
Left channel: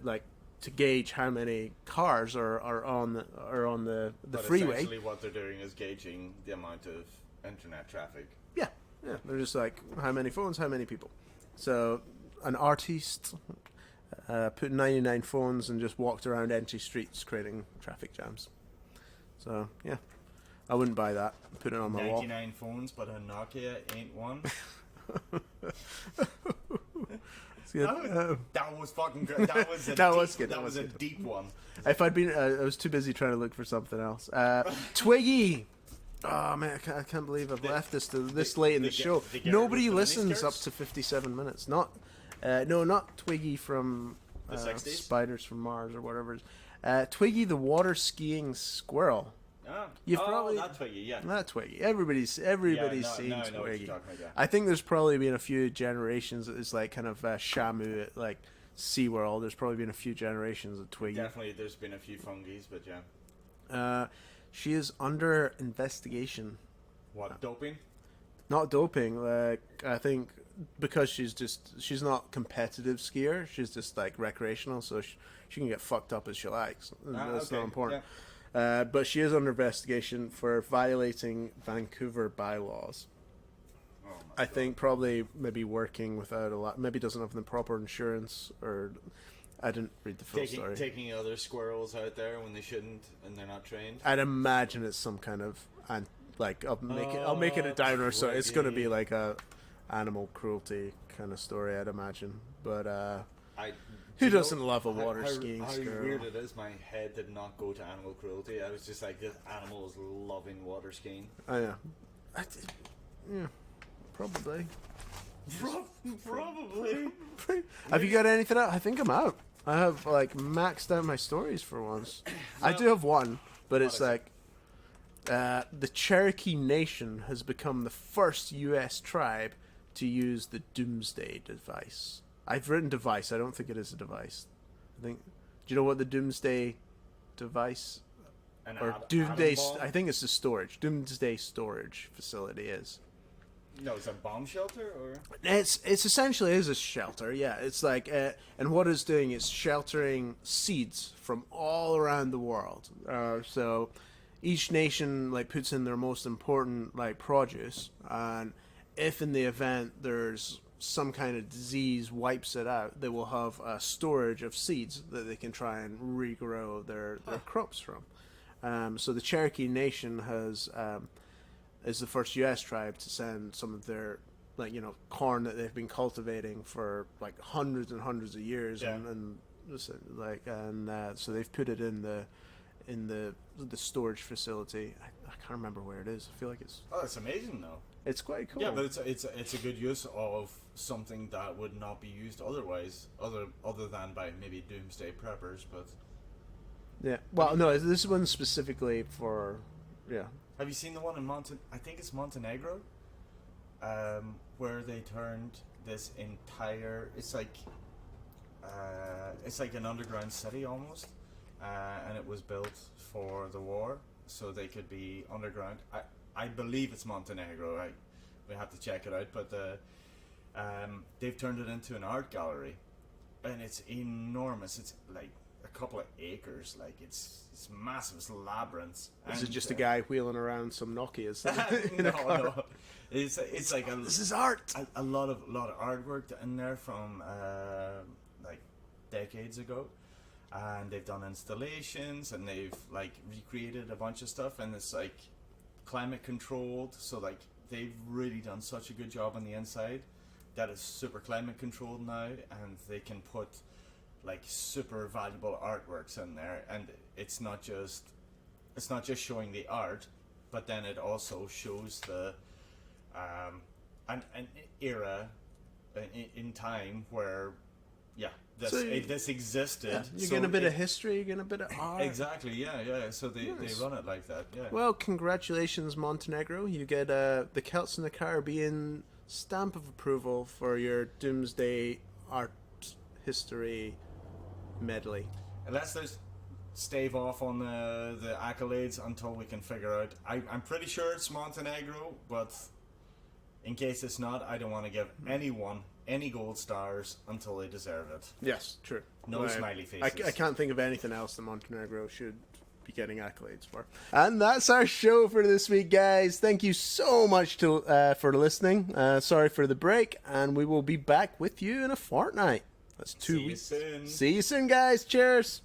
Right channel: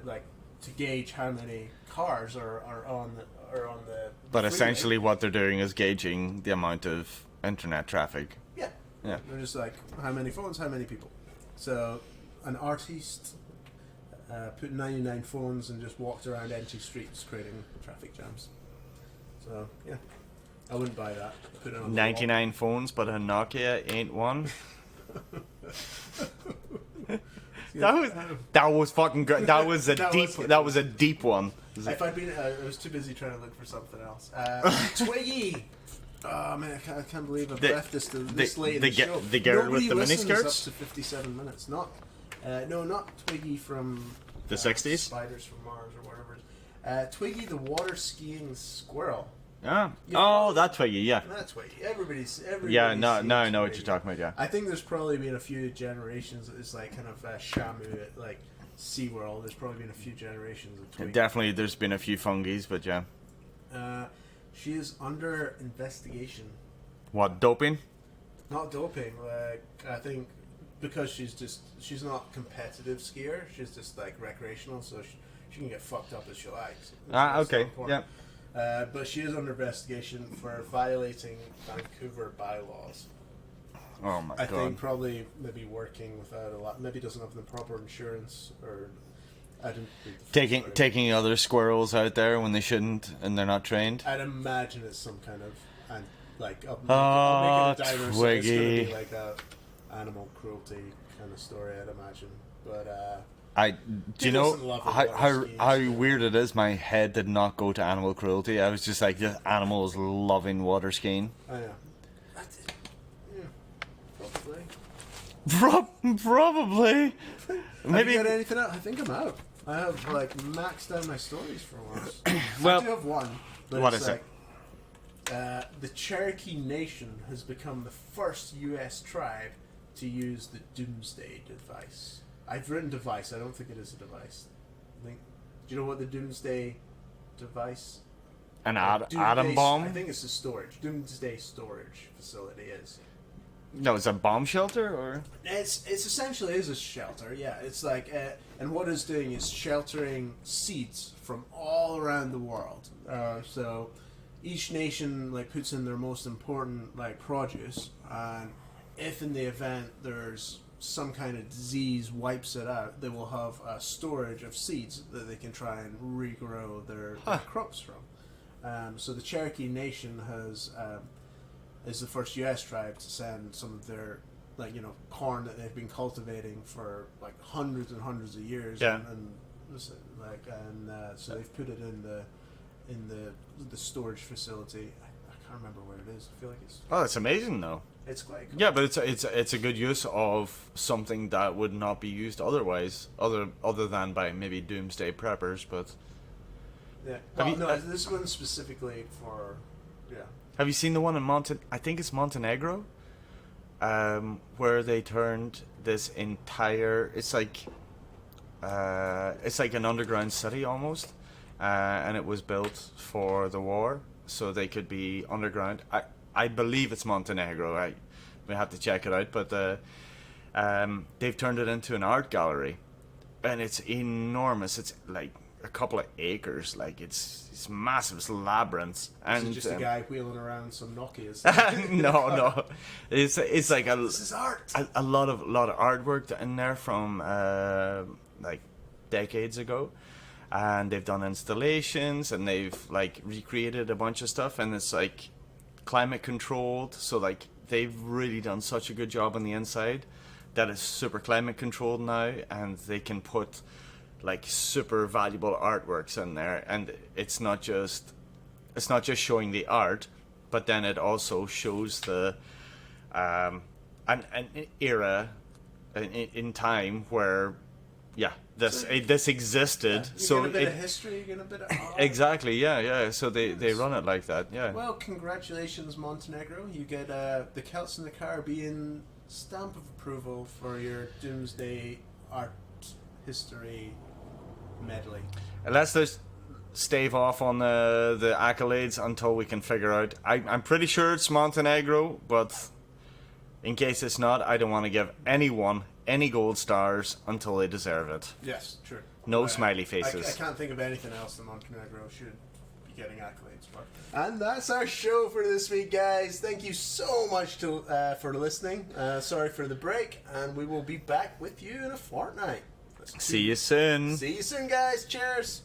gauge how many cars are on the But freeway. essentially, what they're doing is gauging the amount of internet traffic. Yeah. Yeah. They're just like, how many phones, how many people. So an artiste put 99 phones and just walked around empty streets creating traffic jams. So yeah, I wouldn't buy that. Put it on the 99 phones, but a Nokia ain't one. That was fucking good. That was a deep one. If I'd been, I was too busy trying to look for something else. Twiggy. Oh man, I can't believe I've left this late in the show. The girl with the miniskirts? Up to 57 minutes. Not Twiggy from the 60s. Spiders from Mars or whatever. Twiggy the water skiing squirrel. Ah. That Twiggy, yeah. That Twiggy. Everybody's Yeah, now I know Twiggy. what you're talking about, yeah. I think there's probably been a few generations that is like kind of Shamu at like SeaWorld. There's probably been a few generations of Twiggy. Definitely, there's been a few fungies, but yeah. She is under investigation. What, doping? Not doping. Like I think because she's not competitive skier. She's just like recreational, so she can get fucked up as she likes. That's okay. so important. Yeah. But she is under investigation for violating Vancouver bylaws. Oh my god. I think probably maybe working without a lot. Maybe doesn't have the proper insurance, or I didn't read the full story. Taking other squirrels out there when they shouldn't and they're not trained. I'd imagine it's some kind of I'll make it a diner, so it's going to be like a animal cruelty kind of story. I'd imagine, but do you doesn't know love a how water skiing how story? weird it is? My head did not go to animal cruelty. I was just like, this animal is loving water skiing. Oh yeah, yeah, probably. Probably. Maybe. Have you got anything out? I think I'm out. I have maxed out my stories for once. Well, I do have one, but what it's is like the Cherokee Nation has become the first U.S. tribe to use the Doomsday device. I've written device. I don't think it is a device. Do you know what the Doomsday device? An atom bomb? I think it's a storage. Doomsday storage facility is. No, it's a bomb shelter, or It's essentially is a shelter. Yeah, it's like and what it's doing is sheltering seeds from all around the world. So each nation like puts in their most important like produce, and if in the event there's some kind of disease wipes it out, they will have a storage of seeds that they can try and regrow their crops from. So the Cherokee Nation is the first U.S. tribe to send some of their corn that they've been cultivating for like hundreds and hundreds of years. Yeah. So they've put it in the storage facility. I can't remember where it is. I feel like it's. Oh, it's amazing though. It's quite cool. Yeah, but it's a good use of something that would not be used otherwise, other than by maybe doomsday preppers. But yeah, well, no, this one specifically for yeah. Have you seen the one in I think it's Montenegro, where they turned this entire. It's like an underground city almost, and it was built for the war, so they could be underground. I believe it's Montenegro. We have to check it out, but they've turned it into an art gallery, and it's enormous. It's like a couple of acres. Like it's massive. It's labyrinths. And is it just a guy wheeling around some Nokias? no. It's like this is art. A lot of artwork in there from like decades ago. And they've done installations, and they've like recreated a bunch of stuff, and it's like climate controlled, so like they've really done such a good job on the inside that it's super climate controlled now, and they can put like super valuable artworks in there, and it's not just showing the art, but then it also shows the an era in time where this existed. You so get a bit of history, you get a bit of art. Exactly, yeah. So they run it like that, yeah. Well, congratulations, Montenegro. You get the Celts in the Caribbean stamp of approval for your Doomsday art history medley. And let's just stave off on the accolades until we can figure out. I'm pretty sure it's Montenegro, but in case it's not, I don't want to give anyone any gold stars until they deserve it. Yes, sure. No smiley faces. I can't think of anything else that Montenegro should be getting accolades for. And that's our show for this week, guys. Thank you so much for listening. Sorry for the break, and we will be back with you in a fortnight. See you soon. See you soon, guys. Cheers.